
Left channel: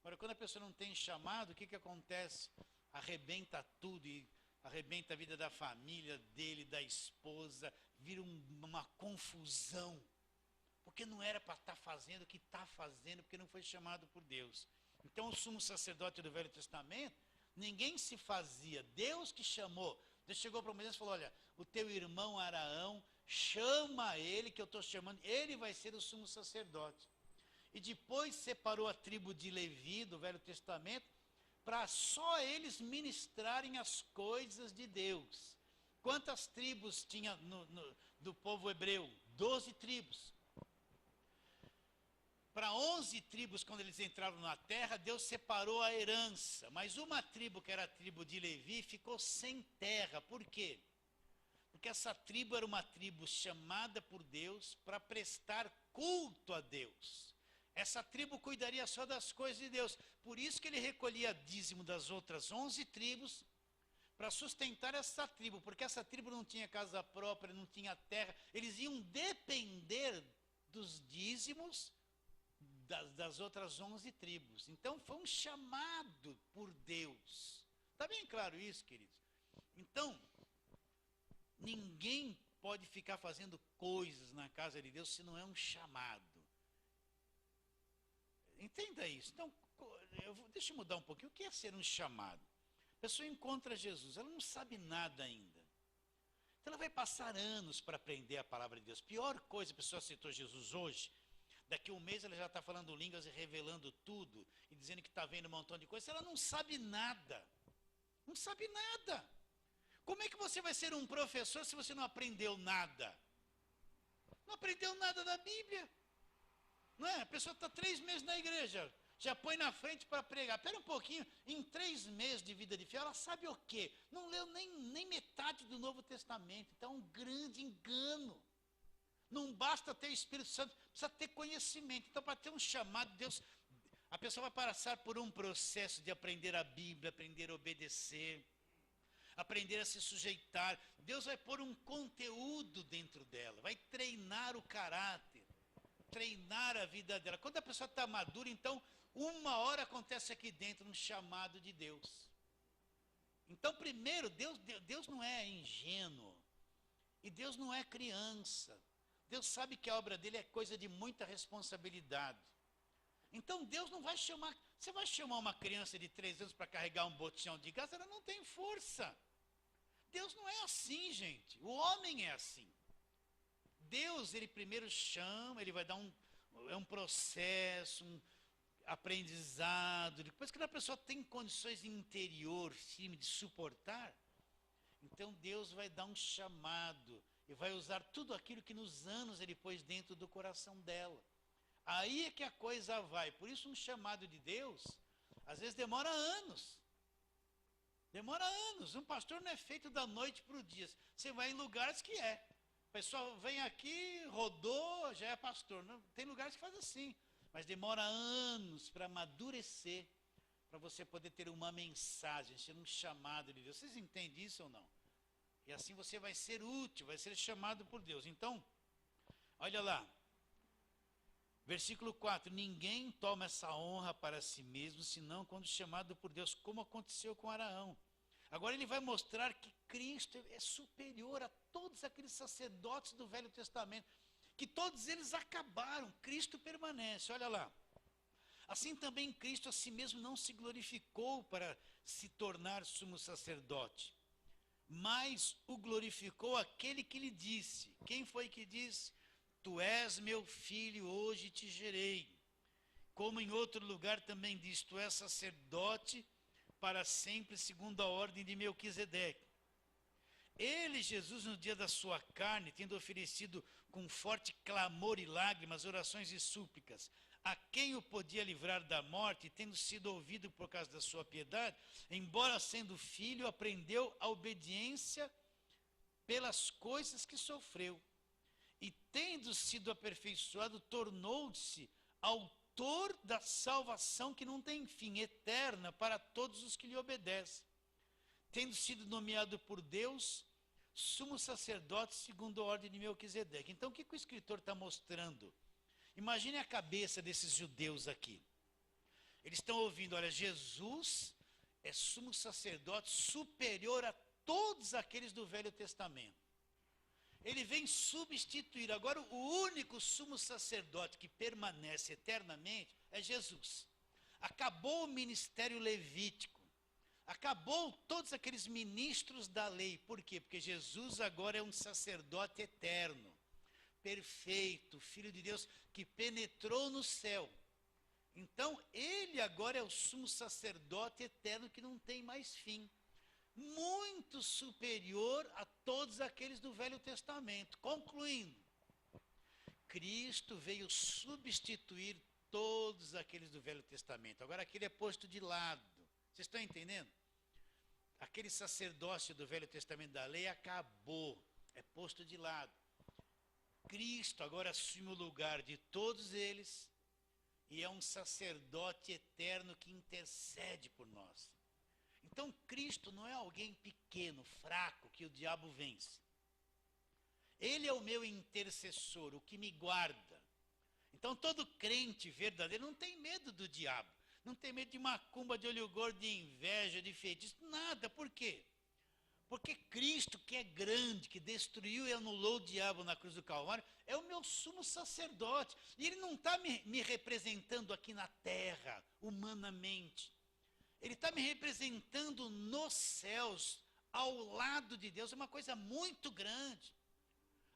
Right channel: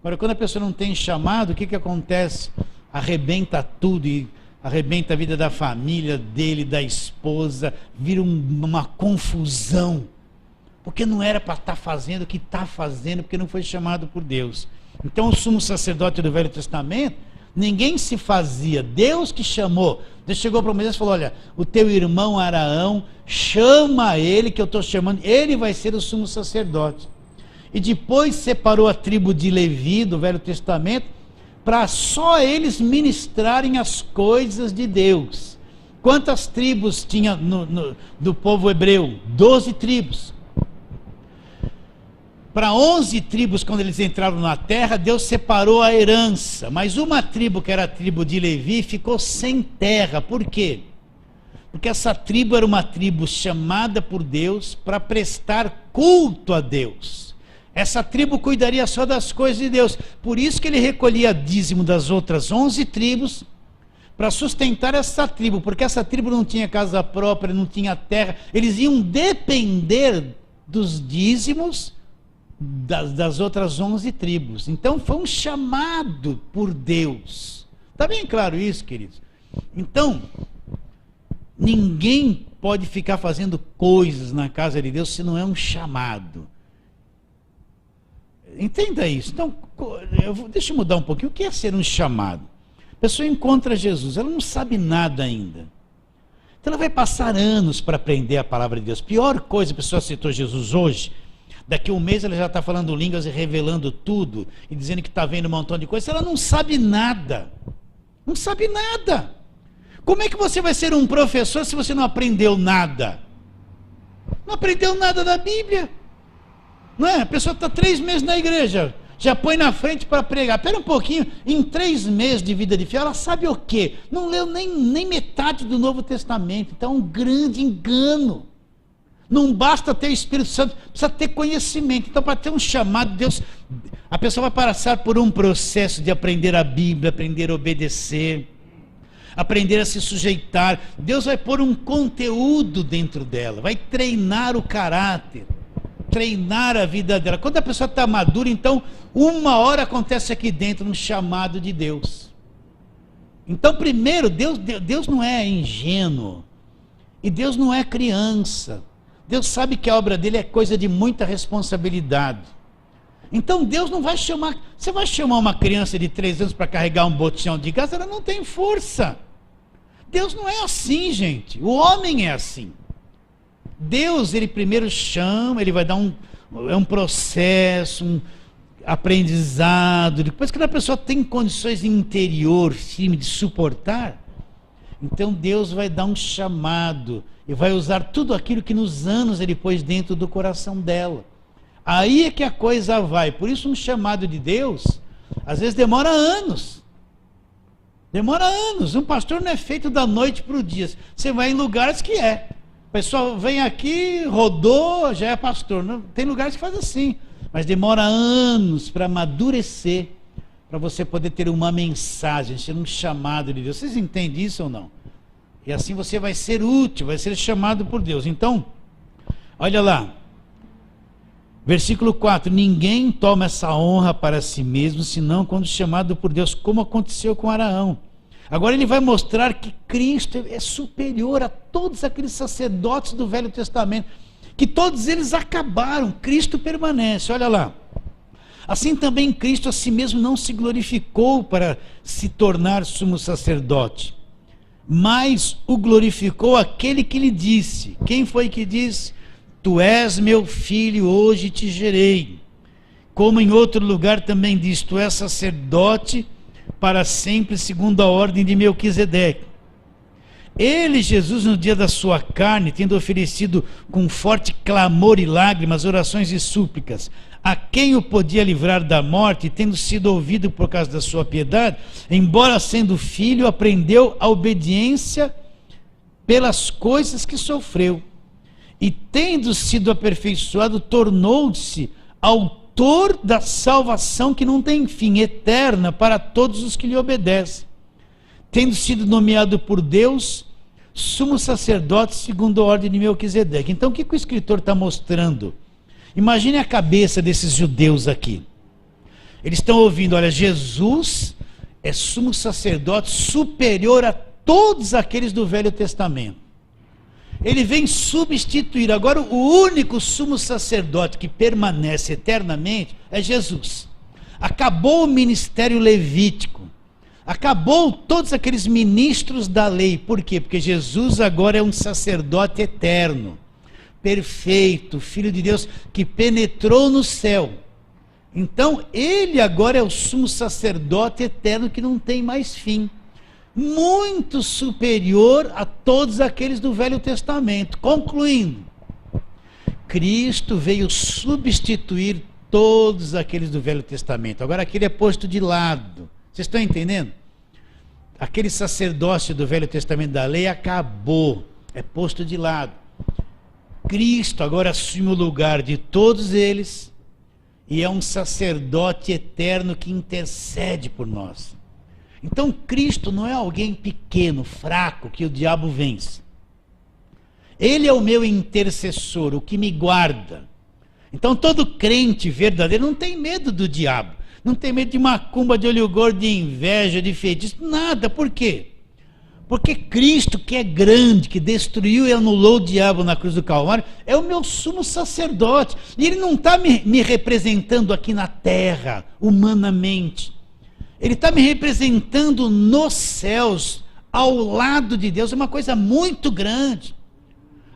Agora, quando a pessoa não tem chamado, o que acontece? Arrebenta tudo e arrebenta a vida da família dele, da esposa, vira uma confusão, porque não era para estar fazendo o que está fazendo, porque não foi chamado por Deus. Então o sumo sacerdote do Velho Testamento, ninguém se fazia, Deus que chamou. Deus chegou para Moisés e falou: olha, o teu irmão Araão, chama ele, que eu estou chamando, ele vai ser o sumo sacerdote. E depois separou a tribo de Levi do Velho Testamento, para só eles ministrarem as coisas de Deus. Quantas tribos tinha do povo hebreu? 12 tribos. Para 11 tribos, quando eles entraram na terra, Deus separou a herança. Mas uma tribo, que era a tribo de Levi, ficou sem terra. Por quê? Porque essa tribo era uma tribo chamada por Deus para prestar culto a Deus. Essa tribo cuidaria só das coisas de Deus. Por isso que ele recolhia dízimo das outras 11 tribos, para sustentar essa tribo, porque essa tribo não tinha casa própria, não tinha terra, eles iam depender dos dízimos das outras 11 tribos. Então foi um chamado por Deus. Está bem claro isso, queridos? Então, ninguém pode ficar fazendo coisas na casa de Deus se não é um chamado. Entenda isso. Então, deixa eu mudar um pouquinho. O que é ser um chamado? A pessoa encontra Jesus, ela não sabe nada ainda. Então ela vai passar anos para aprender a palavra de Deus. Pior coisa, a pessoa aceitou Jesus hoje, daqui a um mês ela já está falando línguas e revelando tudo, e dizendo que está vendo um montão de coisas, ela não sabe nada. Não sabe nada. Como é que você vai ser um professor se você não aprendeu nada? Não aprendeu nada da Bíblia. Não é? A pessoa está 3 meses na igreja, já põe na frente para pregar. Espera um pouquinho, em 3 meses de vida de fé, ela sabe o quê? Não leu nem metade do Novo Testamento. Então é um grande engano. Não basta ter o Espírito Santo, precisa ter conhecimento. Então, para ter um chamado, Deus, a pessoa vai passar por um processo de aprender a Bíblia, aprender a obedecer, aprender a se sujeitar. Deus vai pôr um conteúdo dentro dela, vai treinar o caráter, treinar a vida dela. Quando a pessoa está madura, então, uma hora acontece aqui dentro um chamado de Deus. Então, primeiro, Deus não é ingênuo, e Deus não é criança. Deus sabe que a obra dele é coisa de muita responsabilidade. Então Deus não vai chamar, você vai chamar uma criança de 3 anos para carregar um botijão de gás, ela não tem força. Deus não é assim, gente, o homem é assim. Deus, ele primeiro chama, ele vai dar um processo, um aprendizado, depois que a pessoa tem condições interior, firme de suportar, então Deus vai dar um chamado, e vai usar tudo aquilo que nos anos ele pôs dentro do coração dela. Aí é que a coisa vai. Por isso um chamado de Deus, às vezes demora anos. Demora anos. Um pastor não é feito da noite para o dia. Você vai em lugares que é. O pessoal vem aqui, rodou, já é pastor. Não, tem lugares que faz assim. Mas demora anos para amadurecer, para você poder ter uma mensagem, ser um chamado de Deus. Vocês entendem isso ou não? E assim você vai ser útil, vai ser chamado por Deus. Então, olha lá. Versículo 4, ninguém toma essa honra para si mesmo, senão quando chamado por Deus, como aconteceu com Araão. Agora ele vai mostrar que Cristo é superior a todos aqueles sacerdotes do Velho Testamento, que todos eles acabaram, Cristo permanece, olha lá. Assim também Cristo a si mesmo não se glorificou para se tornar sumo sacerdote, mas o glorificou aquele que lhe disse. Quem foi que disse? Tu és meu filho, hoje te gerei. Como em outro lugar também diz, tu és sacerdote para sempre, segundo a ordem de Melquisedeque. Ele, Jesus, no dia da sua carne, tendo oferecido com forte clamor e lágrimas, orações e súplicas, a quem o podia livrar da morte, tendo sido ouvido por causa da sua piedade, embora sendo filho, aprendeu a obediência pelas coisas que sofreu. E tendo sido aperfeiçoado, tornou-se autor da salvação que não tem fim, eterna para todos os que lhe obedecem. Tendo sido nomeado por Deus, sumo sacerdote segundo a ordem de Melquisedeque. Então o que o escritor está mostrando? Imagine a cabeça desses judeus aqui. Eles estão ouvindo, olha, Jesus é sumo sacerdote superior a todos aqueles do Velho Testamento. Ele vem substituir. Agora o único sumo sacerdote que permanece eternamente é Jesus. Acabou o ministério levítico. Acabou todos aqueles ministros da lei. Por quê? Porque Jesus agora é um sacerdote eterno, perfeito, Filho de Deus, que penetrou no céu. Então ele agora é o sumo sacerdote eterno que não tem mais fim. Muito superior a todos aqueles do Velho Testamento. Concluindo, Cristo veio substituir todos aqueles do Velho Testamento. Agora aquele é posto de lado. Vocês estão entendendo? Aquele sacerdócio do Velho Testamento da lei acabou, é posto de lado. Cristo agora assume o lugar de todos eles e é um sacerdote eterno que intercede por nós. Então Cristo não é alguém pequeno, fraco, que o diabo vence. Ele é o meu intercessor, o que me guarda. Então todo crente verdadeiro não tem medo do diabo, não tem medo de macumba, de olho gordo, de inveja, de feitiço, nada. Por quê? Porque Cristo, que é grande, que destruiu e anulou o diabo na cruz do Calvário, é o meu sumo sacerdote. E ele não está me representando aqui na terra, humanamente. Ele está me representando nos céus, ao lado de Deus. É uma coisa muito grande.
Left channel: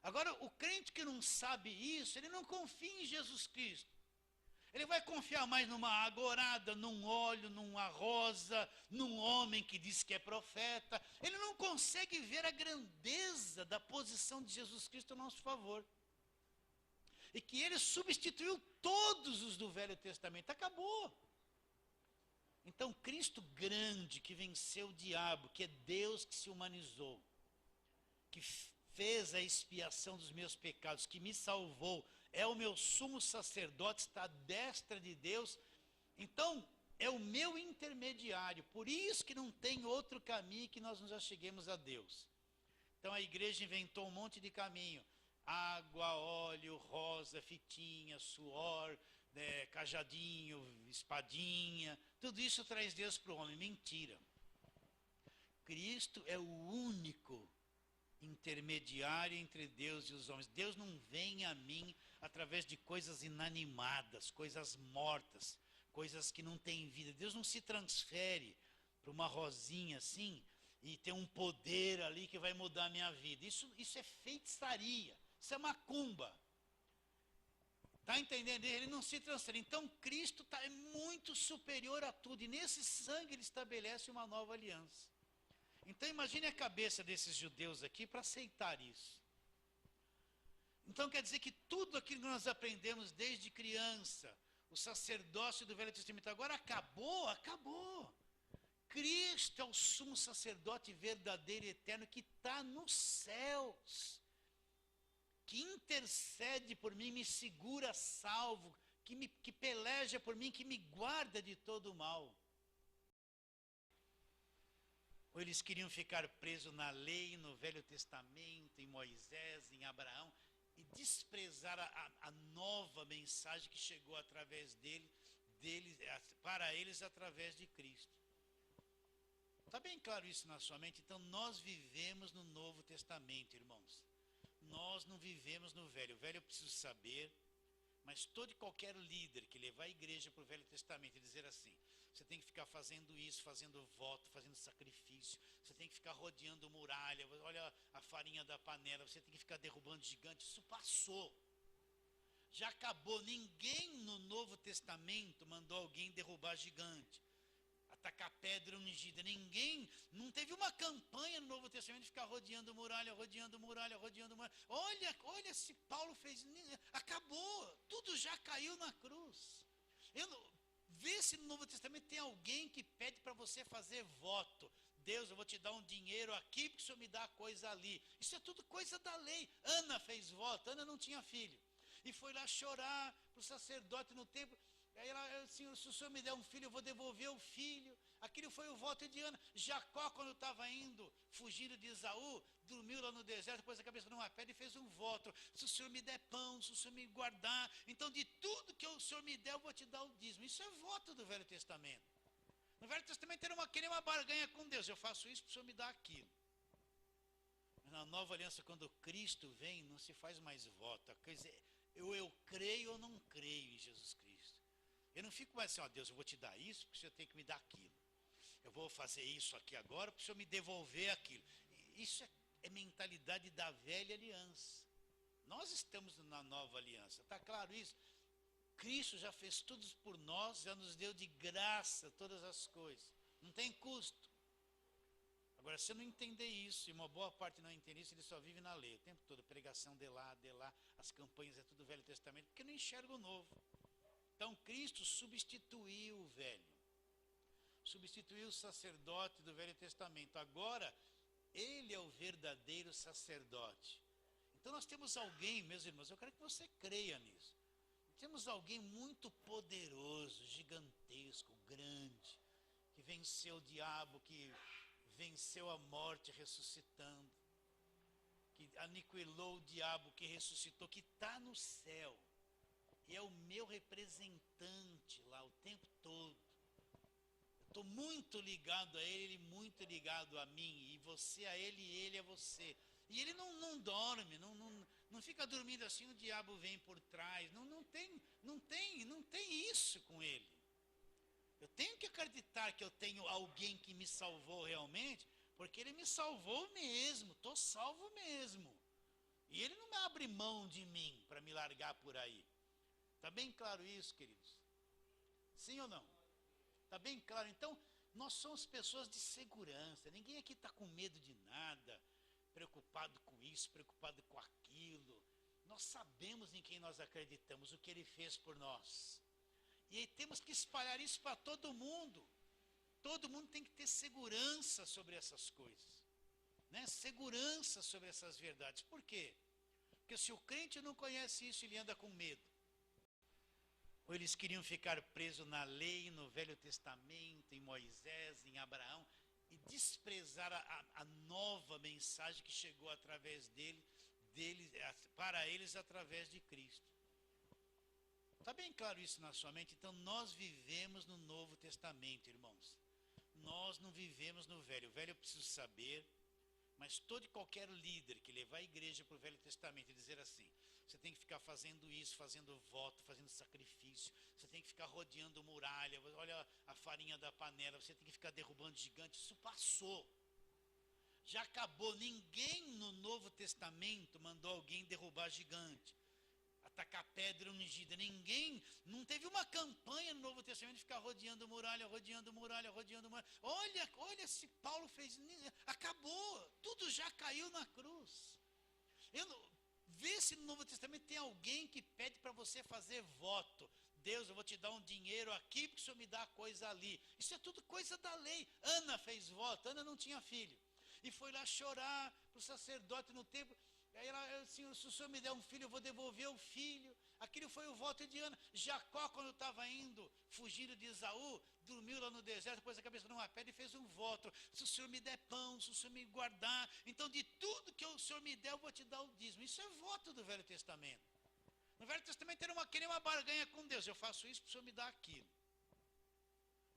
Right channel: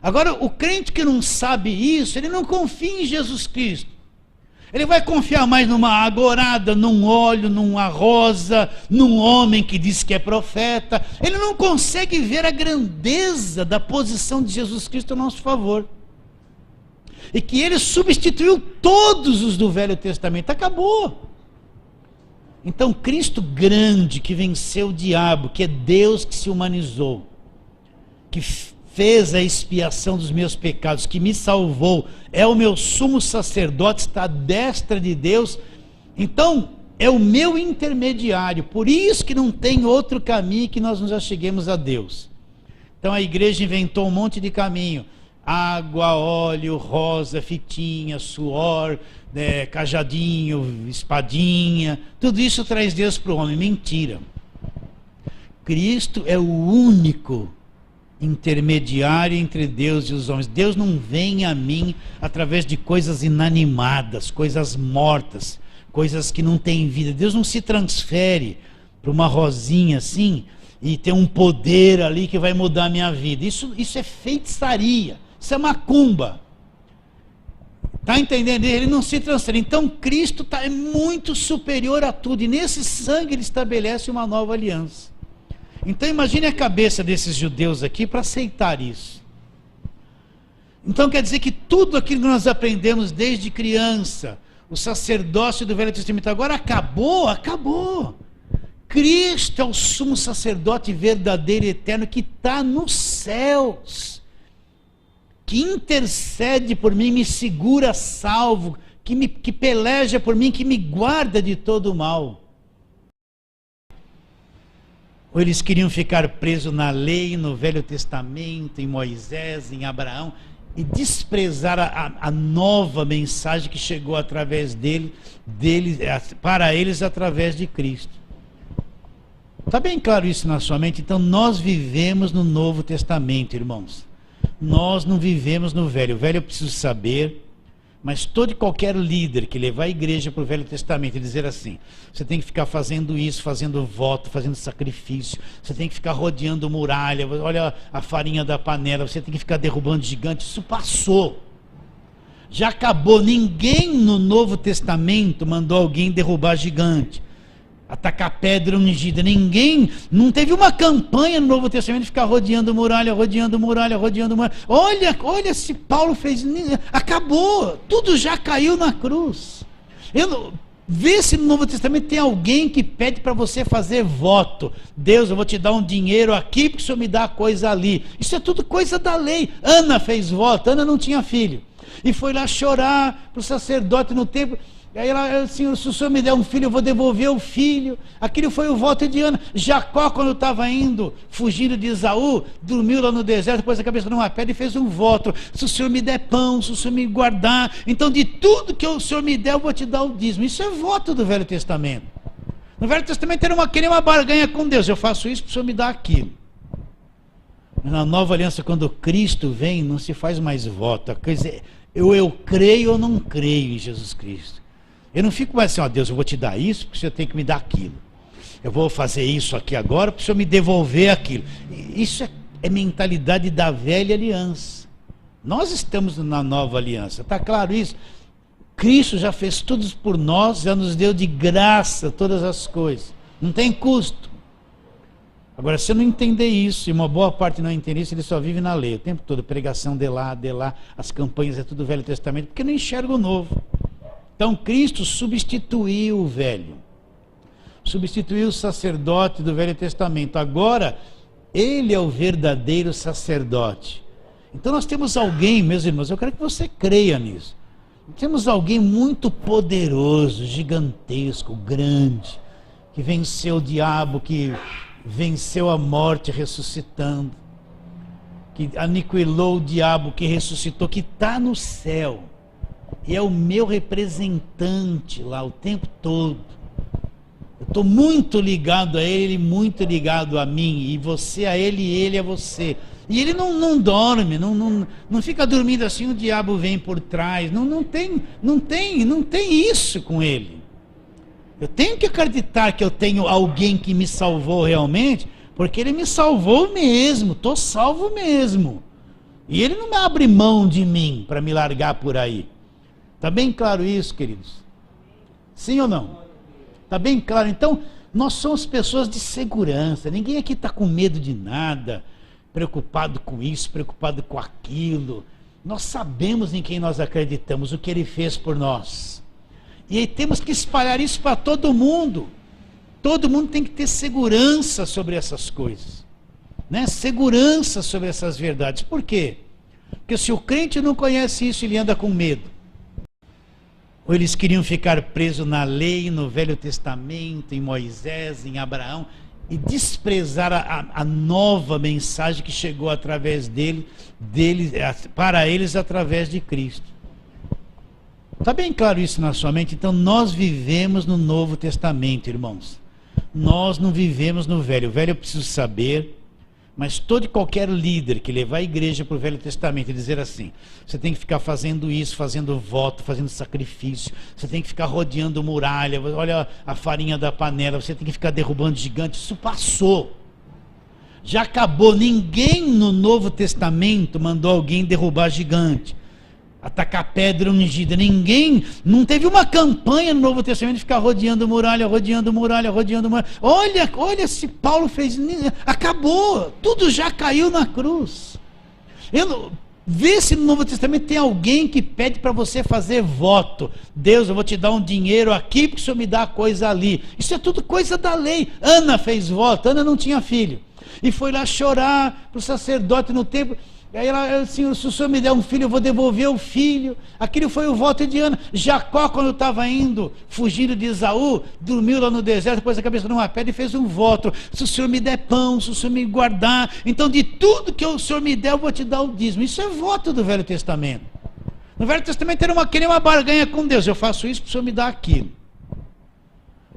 Agora, o crente que não sabe isso, ele não confia em Jesus Cristo. Ele vai confiar mais numa agorada, num óleo, numa rosa, num homem que diz que é profeta. Ele não consegue ver a grandeza da posição de Jesus Cristo a nosso favor. E que ele substituiu todos os do Velho Testamento. Acabou. Então Cristo grande, que venceu o diabo, que é Deus que se humanizou, que fez a expiação dos meus pecados, que me salvou, é o meu sumo sacerdote, está à destra de Deus. Então é o meu intermediário, por isso que não tem outro caminho que nós nos acheguemos a Deus. Então a igreja inventou um monte de caminho: água, óleo, rosa, fitinha, suor, cajadinho, espadinha, tudo isso traz Deus para o homem. Mentira. Cristo é o único intermediário entre Deus e os homens. Deus não vem a mim através de coisas inanimadas, coisas mortas, coisas que não têm vida. Deus não se transfere para uma rosinha assim e tem um poder ali que vai mudar a minha vida. Isso é feitiçaria, isso é macumba. Está entendendo? Ele não se transfere. Então Cristo é muito superior a tudo, e nesse sangue ele estabelece uma nova aliança. Então imagine a cabeça desses judeus aqui para aceitar isso. Então quer dizer que tudo aquilo que nós aprendemos desde criança, o sacerdócio do Velho Testamento, agora acabou, acabou. Cristo é o sumo sacerdote verdadeiro e eterno que está nos céus, que intercede por mim, me segura salvo, que peleja por mim, que me guarda de todo o mal. Ou eles queriam ficar presos na lei, no Velho Testamento, em Moisés, em Abraão, e desprezar a nova mensagem que chegou através dele, para eles através de Cristo. Está bem claro isso na sua mente? Então nós vivemos no Novo Testamento, irmãos. Nós não vivemos no Velho. O Velho eu preciso saber, mas todo e qualquer líder que levar a igreja para o Velho Testamento e dizer assim, você tem que ficar fazendo isso, fazendo voto, fazendo sacrifício, você tem que ficar rodeando muralha, olha a farinha da panela, você tem que ficar derrubando gigantes, isso passou. Já acabou. Ninguém no Novo Testamento mandou alguém derrubar gigante, atacar pedra ungida. Ninguém, não teve uma campanha no Novo Testamento de ficar rodeando muralha, rodeando muralha, rodeando muralha. Olha se Paulo fez, acabou, tudo já caiu na cruz. Vê se no Novo Testamento tem alguém que pede para você fazer voto. Deus, eu vou te dar um dinheiro aqui porque o Senhor me dá coisa ali. Isso é tudo coisa da lei. Ana fez voto, Ana não tinha filho, e foi lá chorar para o sacerdote no templo. Aí ela assim, se o Senhor me der um filho, eu vou devolver o filho. Aquilo foi o voto de Ana. Jacó, quando estava indo, fugindo de Esaú, dormiu lá no deserto, pôs a cabeça numa pedra e fez um voto. Se o Senhor me der pão, se o Senhor me guardar, então de tudo que o Senhor me der, eu vou te dar o dízimo. Isso é voto do Velho Testamento. No Velho Testamento era querer uma barganha com Deus. Eu faço isso para o Senhor me dar aquilo. Na Nova Aliança, quando Cristo vem, não se faz mais voto. A coisa é, eu creio ou não creio em Jesus Cristo. Eu não fico mais assim, ó, Deus, eu vou te dar isso porque o Senhor tem que me dar aquilo. Eu vou fazer isso aqui agora para o Senhor me devolver aquilo. Isso é mentalidade da velha aliança. Nós estamos na nova aliança, está claro isso? Cristo já fez tudo por nós, já nos deu de graça todas as coisas. Não tem custo. Agora, se eu não entender isso, e uma boa parte não entender isso, ele só vive na lei. O tempo todo, pregação de lá, as campanhas é tudo Velho Testamento, porque não enxerga o novo. Então Cristo substituiu o velho, substituiu o sacerdote do Velho Testamento. Agora ele é o verdadeiro sacerdote. Então nós temos alguém, meus irmãos, eu quero que você creia nisso. Temos alguém muito poderoso, gigantesco, grande, que venceu o diabo, que venceu a morte ressuscitando, que aniquilou o diabo, que ressuscitou, que está no céu. E é o meu representante lá o tempo todo. Eu estou muito ligado a ele, muito ligado a mim. E você a ele e ele a você. E ele não dorme, não fica dormindo assim, o diabo vem por trás. Não tem isso com ele. Eu tenho que acreditar que eu tenho alguém que me salvou realmente, porque ele me salvou mesmo, estou salvo mesmo. E ele não abre mão de mim para me largar por aí. Está bem claro isso, queridos? Sim ou não? Está bem claro? Então, nós somos pessoas de segurança. Ninguém aqui está com medo de nada, preocupado com isso, preocupado com aquilo. Nós sabemos em quem nós acreditamos, o que ele fez por nós. E aí temos que espalhar isso para todo mundo. Todo mundo tem que ter segurança sobre essas coisas, né? Segurança sobre essas verdades. Por quê? Porque se o crente não conhece isso, ele anda com medo. Ou eles queriam ficar presos na lei, no Velho Testamento, em Moisés, em Abraão, e desprezar a nova mensagem que chegou através para eles através de Cristo. Está bem claro isso na sua mente? Então nós vivemos no Novo Testamento, irmãos. Nós não vivemos no Velho. O Velho eu preciso saber. Mas todo e qualquer líder que levar a igreja para o Velho Testamento e dizer assim, você tem que ficar fazendo isso, fazendo voto, fazendo sacrifício, você tem que ficar rodeando muralha, olha a farinha da panela, você tem que ficar derrubando gigantes, isso passou. Já acabou. Ninguém no Novo Testamento mandou alguém derrubar gigante, atacar pedra ungida. Ninguém, não teve uma campanha no Novo Testamento de ficar rodeando muralha, rodeando muralha, rodeando muralha. Olha se Paulo fez, acabou, tudo já caiu na cruz. Vê se no Novo Testamento tem alguém que pede para você fazer voto. Deus, eu vou te dar um dinheiro aqui porque o Senhor me dá coisa ali. Isso é tudo coisa da lei. Ana fez voto, Ana não tinha filho, e foi lá chorar para o sacerdote no templo. Aí ela assim, se o Senhor me der um filho, eu vou devolver o filho. Aquilo foi o voto de Ana. Jacó, quando estava indo, fugindo de Esaú, dormiu lá no deserto, pôs a cabeça numa pedra e fez um voto. Se o Senhor me der pão, se o Senhor me guardar, então de tudo que o Senhor me der, eu vou te dar o dízimo. Isso é voto do Velho Testamento. No Velho Testamento era querer uma barganha com Deus. Eu faço isso para o Senhor me dar aquilo.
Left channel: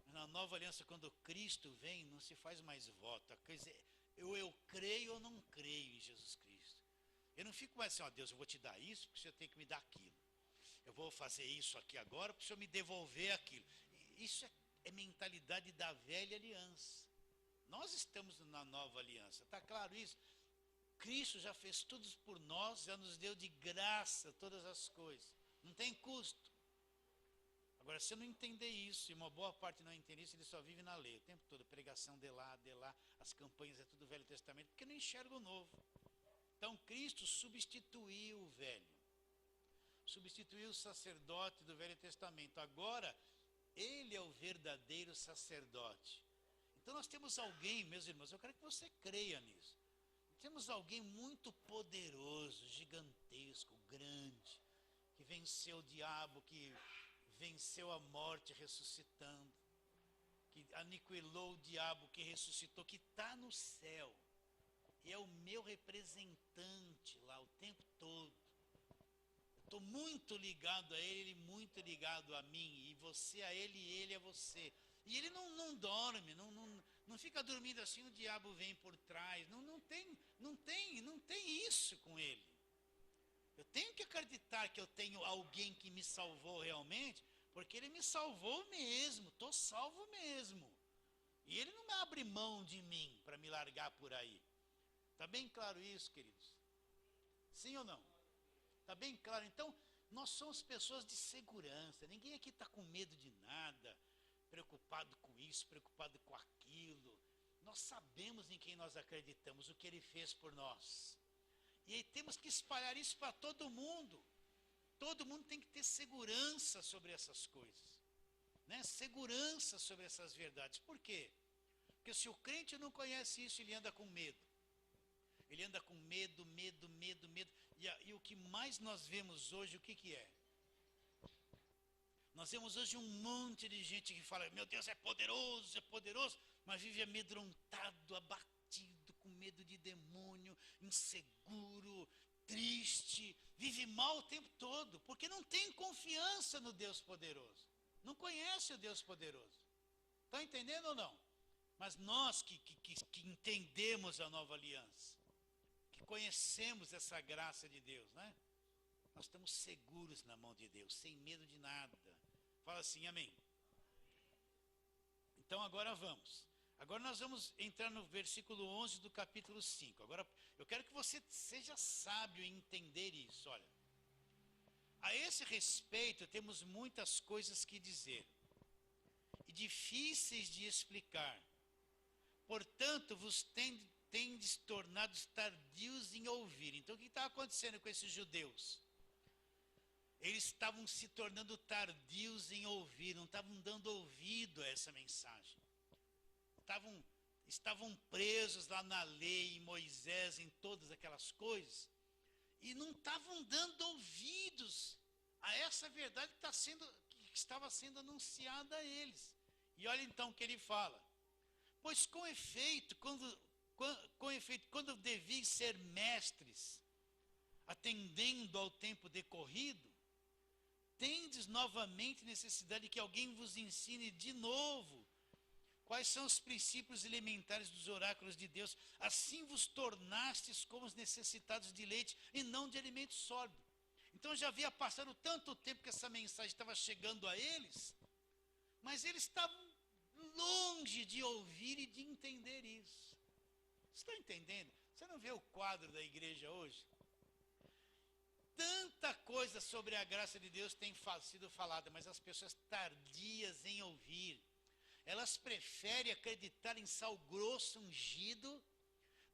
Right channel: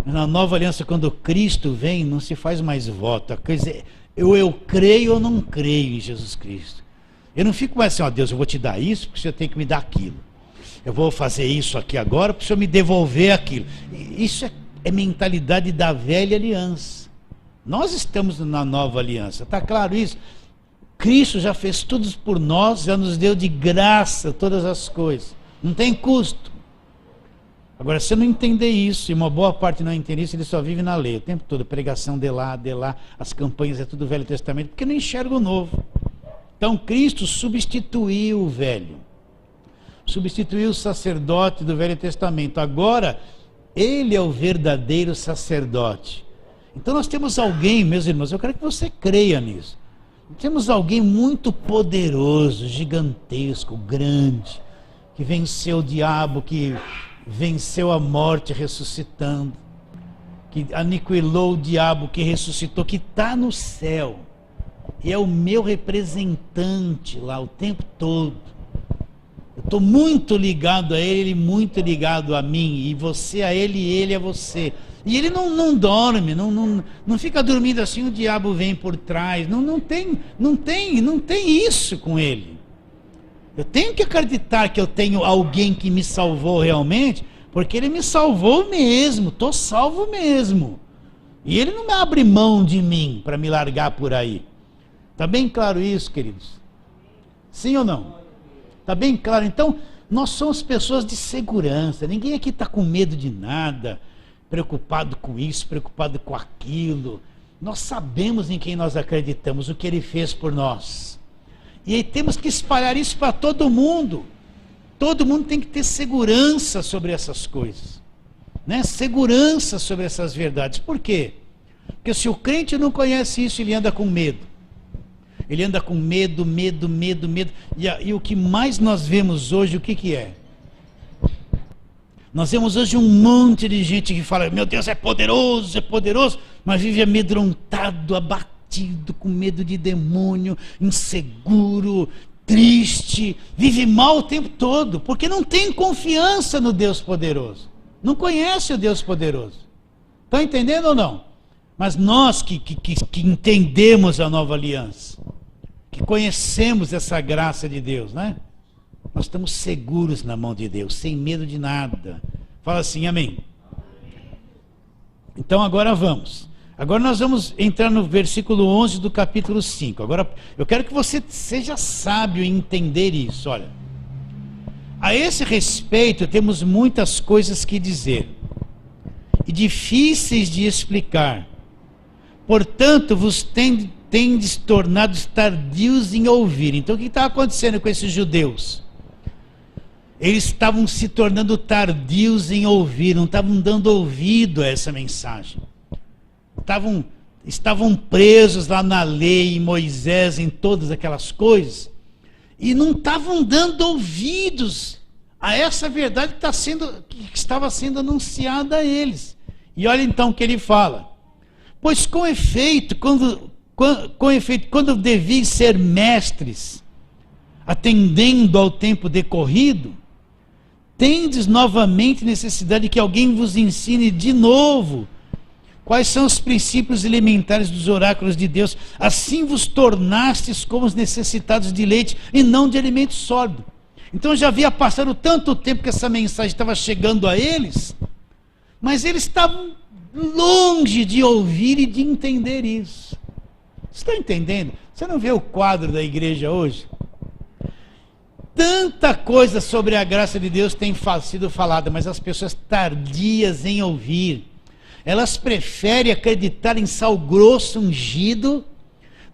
Na nova aliança, quando Cristo vem, não se faz mais voto. A coisa é, eu creio ou não creio em Jesus Cristo. Eu não fico mais assim, ó, Deus, eu vou te dar isso porque o Senhor tem que me dar aquilo. Eu vou fazer isso aqui agora para o Senhor me devolver aquilo. Isso é mentalidade da velha aliança. Nós estamos na nova aliança, está claro isso? Cristo já fez tudo por nós, já nos deu de graça todas as coisas. Não tem custo. Agora, se você não entender isso, e uma boa parte não entender isso, ele só vive na lei. O tempo todo, pregação de lá, as campanhas é tudo Velho Testamento, porque não enxerga o novo. Então, Cristo substituiu o velho. Substituiu o sacerdote do Velho Testamento. Agora, ele é o verdadeiro sacerdote. Então, nós temos alguém, meus irmãos, eu quero que você creia nisso. Temos alguém muito poderoso, gigantesco, grande, que venceu o diabo, que venceu a morte ressuscitando, que aniquilou o diabo, que ressuscitou, que está no céu. E é o meu representante lá o tempo todo. Eu estou muito ligado a ele, muito ligado a mim, e você a ele e ele a você. E ele não dorme, não fica dormindo assim, o diabo vem por trás. Não tem isso com ele. Eu tenho que acreditar que eu tenho alguém que me salvou realmente, porque ele me salvou mesmo, estou salvo mesmo. E ele não abre mão de mim para me largar por aí. Está bem claro isso, queridos? Sim ou não? Está bem claro? Então, nós somos pessoas de segurança. Ninguém aqui está com medo de nada, preocupado com isso, preocupado com aquilo. Nós sabemos em quem nós acreditamos, o que ele fez por nós. E aí temos que espalhar isso para todo mundo. Todo mundo tem que ter segurança sobre essas coisas, né? Segurança sobre essas verdades. Por quê? Porque se o crente não conhece isso, ele anda com medo. Ele anda com medo. E o que mais nós vemos hoje, o que é? Nós vemos hoje um monte de gente que fala, meu Deus, é poderoso, mas vive amedrontado, abatido, com medo de demônio, inseguro, triste, vive mal o tempo todo, porque não tem confiança no Deus poderoso, não conhece o Deus poderoso. Estão entendendo ou não? Mas nós que entendemos a nova aliança, que conhecemos essa graça de Deus, né? Nós estamos seguros na mão de Deus, sem medo de nada. Fala assim, amém. Então agora vamos. Agora nós vamos entrar no versículo 11 do capítulo 5. Agora eu quero que você seja sábio em entender isso. Olha, a esse respeito temos muitas coisas que dizer e difíceis de explicar. Portanto, vos tendes tornado tardios em ouvir. Então o que está acontecendo com esses judeus? Eles estavam se tornando tardios em ouvir, não estavam dando ouvido a essa mensagem. Estavam presos lá na lei, em Moisés, em todas aquelas coisas, e não estavam dando ouvidos a essa verdade que estava sendo anunciada a eles. E olha então o que ele fala. Pois com efeito, quando devis ser mestres, atendendo ao tempo decorrido, tendes novamente necessidade que alguém vos ensine de novo quais são os princípios elementares dos oráculos de Deus. Assim vos tornastes como os necessitados de leite e não de alimento sólido. Então já havia passado tanto tempo que essa mensagem estava chegando a eles, mas eles estavam longe de ouvir e de entender isso. Você está entendendo? Você não vê o quadro da igreja hoje? Tanta coisa sobre a graça de Deus tem sido falada, mas as pessoas tardias em ouvir. Elas preferem acreditar em sal grosso ungido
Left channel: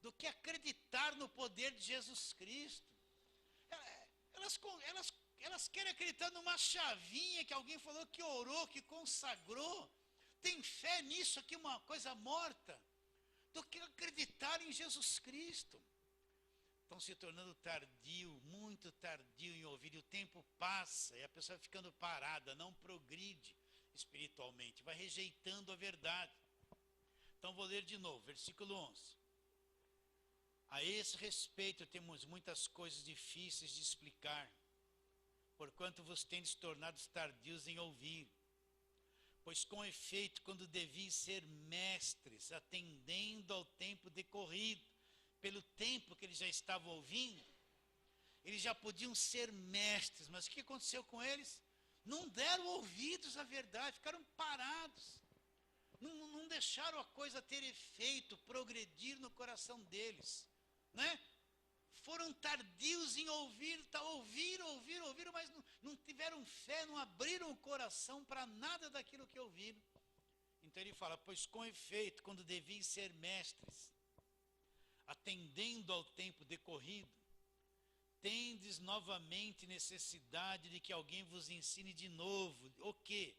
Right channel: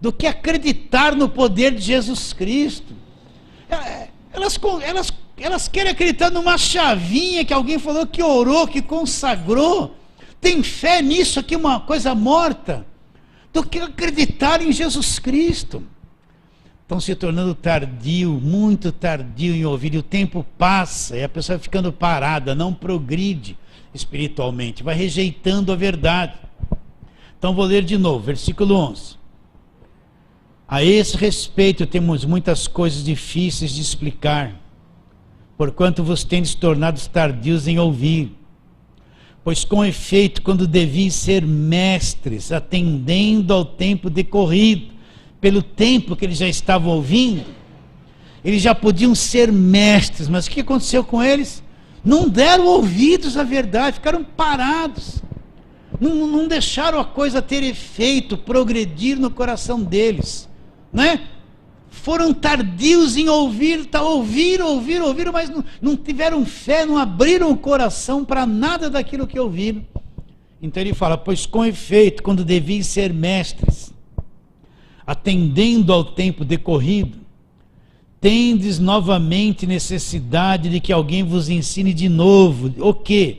do que acreditar no poder de Jesus Cristo. Elas querem acreditar numa chavinha que alguém falou, que orou, que consagrou. Tem fé nisso aqui, uma coisa morta, do que acreditar em Jesus Cristo. estão se tornando tardio, muito tardio em ouvir, e o tempo passa, e a pessoa vai ficando parada, não progride espiritualmente, vai rejeitando a verdade. Então vou ler de novo, versículo 11. A esse respeito temos muitas coisas difíceis de explicar, porquanto vos tendes tornado tardios em ouvir. Pois com efeito, quando deviam ser mestres, atendendo ao tempo decorrido, pelo tempo que eles já estavam ouvindo, eles já podiam ser mestres, mas o que aconteceu com eles? Não deram ouvidos à verdade, ficaram parados, não deixaram a coisa ter efeito, progredir no coração deles, né? Foram tardios em ouvir, ouviram, mas não tiveram fé, não abriram o coração para nada daquilo que ouviram. Então ele fala, pois com efeito, quando deviam ser mestres, atendendo ao tempo decorrido, tendes novamente necessidade de que alguém vos ensine de novo, o quê?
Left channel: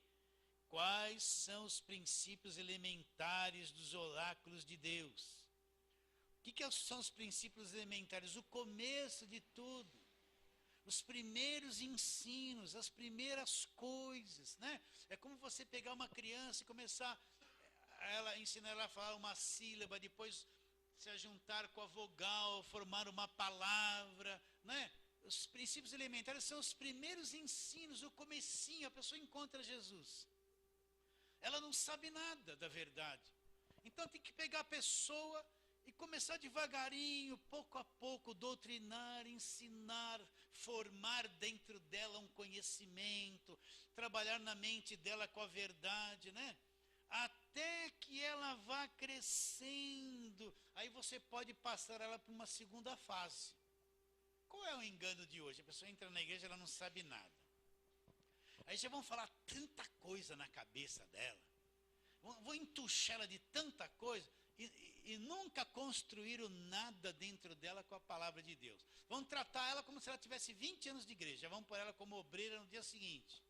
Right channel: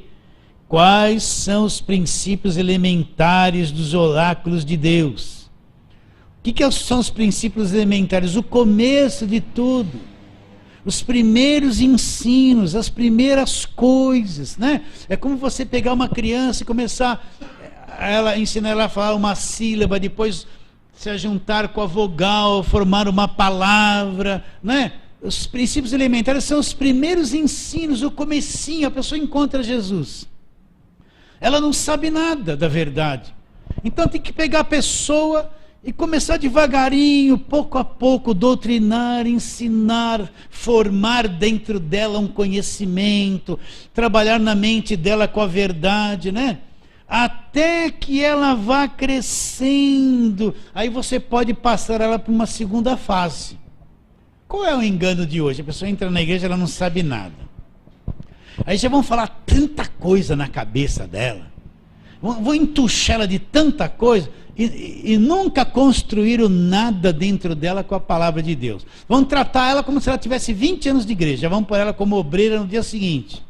Quais são os princípios elementares dos oráculos de Deus? O que são os princípios elementares? O começo de tudo, os primeiros ensinos, as primeiras coisas, né? É como você pegar uma criança e começar ensinar ela a falar uma sílaba, depois se juntar com a vogal, formar uma palavra, né? Os princípios elementares são os primeiros ensinos, o comecinho, a pessoa encontra Jesus. Ela não sabe nada da verdade. Então tem que pegar a pessoa e começar devagarinho, pouco a pouco, doutrinar, ensinar, formar dentro dela um conhecimento, trabalhar na mente dela com a verdade, né? Até que ela vá crescendo, aí você pode passar ela para uma segunda fase. Qual é o engano de hoje? A pessoa entra na igreja, ela não sabe nada. Aí já vão falar tanta coisa na cabeça dela, vão entuchar ela de tanta coisa, e nunca construíram nada dentro dela com a palavra de Deus. Vão tratar ela como se ela tivesse 20 anos de igreja, vão pôr ela como obreira no dia seguinte.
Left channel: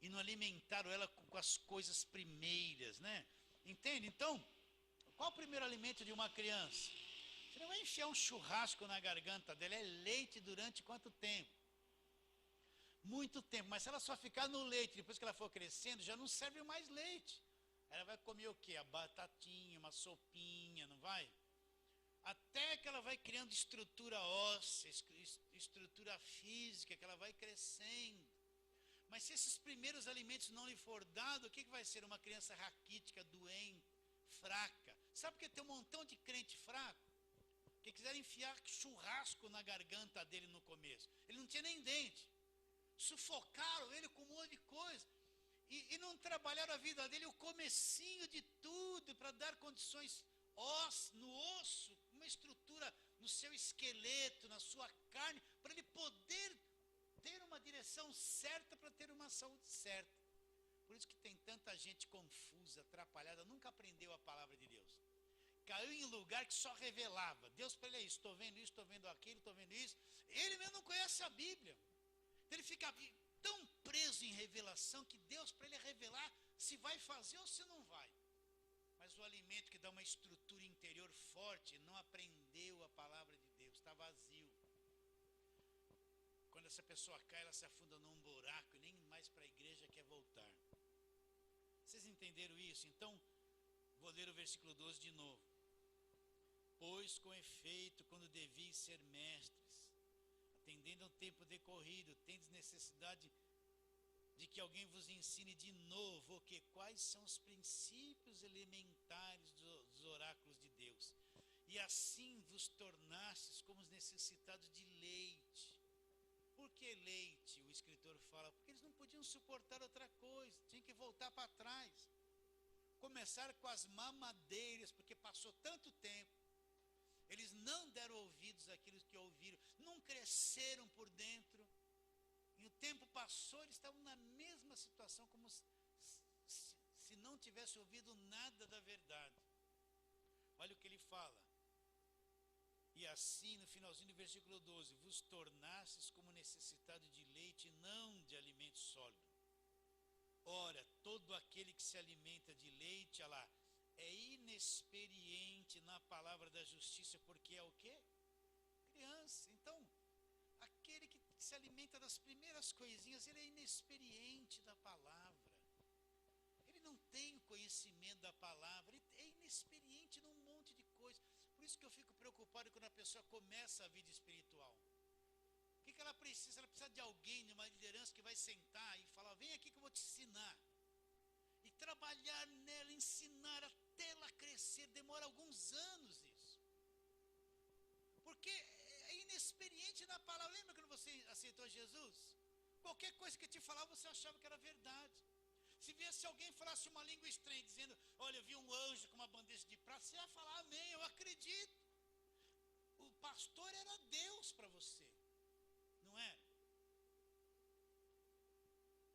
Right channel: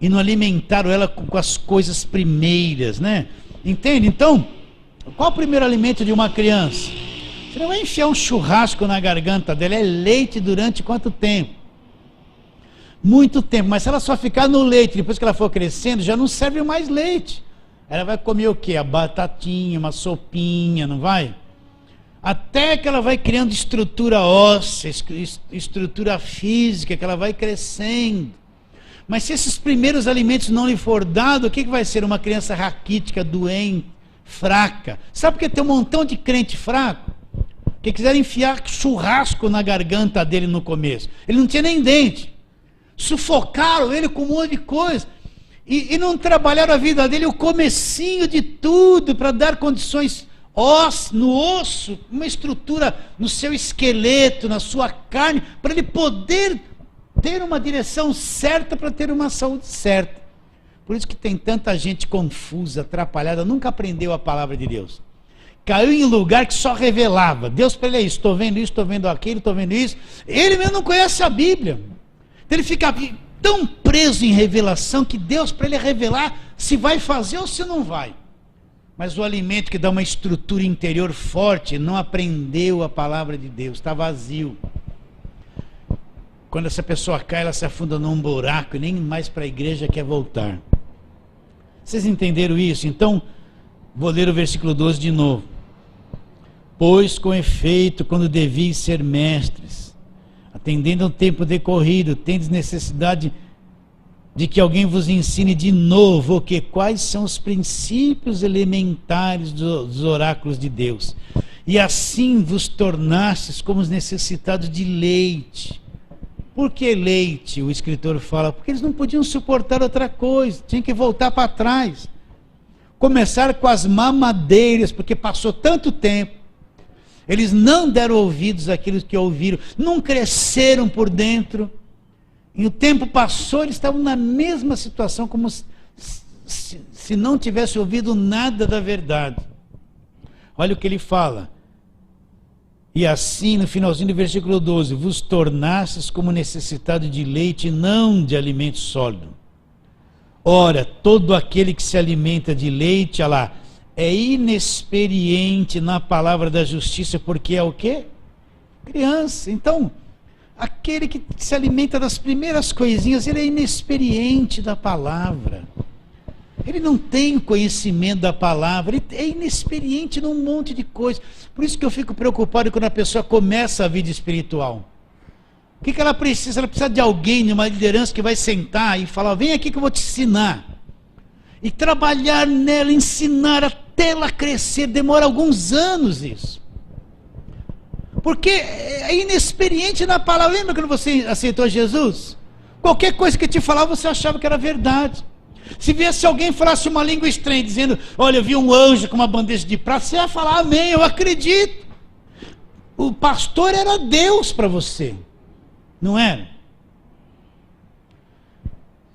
E não alimentaram ela com as coisas primeiras, né? Entende? Então, qual o primeiro alimento de uma criança? Você não vai enfiar um churrasco na garganta dela, é leite durante quanto tempo? Muito tempo, mas se ela só ficar no leite, depois que ela for crescendo, já não serve mais leite. Ela vai comer o quê? A batatinha, uma sopinha, não vai? Até que ela vai criando estrutura óssea, estrutura física, que ela vai crescendo. Mas se esses primeiros alimentos não lhe for dado, o que vai ser? Uma criança raquítica, doente, fraca. Sabe por que tem um montão de crente fraco? Que quiseram enfiar churrasco na garganta dele no começo. Ele não tinha nem dente. Sufocaram ele com um monte de coisa. E não trabalharam a vida dele, o comecinho de tudo, para dar condições no osso, uma estrutura no seu esqueleto, na sua carne, para ele poder ter uma direção certa, para ter uma saúde certa. Por isso que tem tanta gente confusa, atrapalhada, nunca aprendeu a palavra de Deus. Caiu em lugar que só revelava. Deus para ele é isso, estou vendo isso, estou vendo aquilo, estou vendo isso. Ele mesmo não conhece a Bíblia. Então ele fica tão preso em revelação que Deus para ele revelar se vai fazer ou se não vai. Mas o alimento que dá uma estrutura interior forte não aprendeu a palavra de Deus, está vazio. Quando essa pessoa cai, ela se afunda num buraco e nem mais para a igreja quer voltar. Vocês entenderam isso? Então, vou ler o versículo 12 de novo. Pois com efeito, quando deviam ser mestres, atendendo ao tempo decorrido, tendes necessidade de que alguém vos ensine de novo quais são os princípios elementares dos oráculos de Deus. E assim vos tornastes como os necessitados de leite. Por que leite? O escritor fala, porque eles não podiam suportar outra coisa, tinham que voltar para trás. Começar com as mamadeiras, porque passou tanto tempo. Eles não deram ouvidos àquilo que ouviram, não cresceram por dentro. E o tempo passou, eles estavam na mesma situação, como se não tivesse ouvido nada da verdade. Olha o que ele fala. E assim, no finalzinho do versículo 12, vos tornastes como necessitado de leite, não de alimento sólido. Ora, todo aquele que se alimenta de leite, olha lá, é inexperiente na palavra da justiça, porque é o quê? Criança. Então, aquele que se alimenta das primeiras coisinhas, ele é inexperiente da palavra. Ele não tem conhecimento da palavra, ele é inexperiente num monte de coisas. Por isso que eu fico preocupado quando a pessoa começa a vida espiritual. O que ela precisa? Ela precisa de alguém, de uma liderança que vai sentar e falar, vem aqui que eu vou te ensinar. E trabalhar nela, ensinar até ela crescer, demora alguns anos isso. Porque é inexperiente na palavra. Lembra quando você aceitou Jesus? Qualquer coisa que te falava, você achava que era verdade. Se viesse alguém e falasse uma língua estranha, dizendo, olha, eu vi um anjo com uma bandeja de prata, você ia falar, amém, eu acredito. O pastor era Deus para você, não era?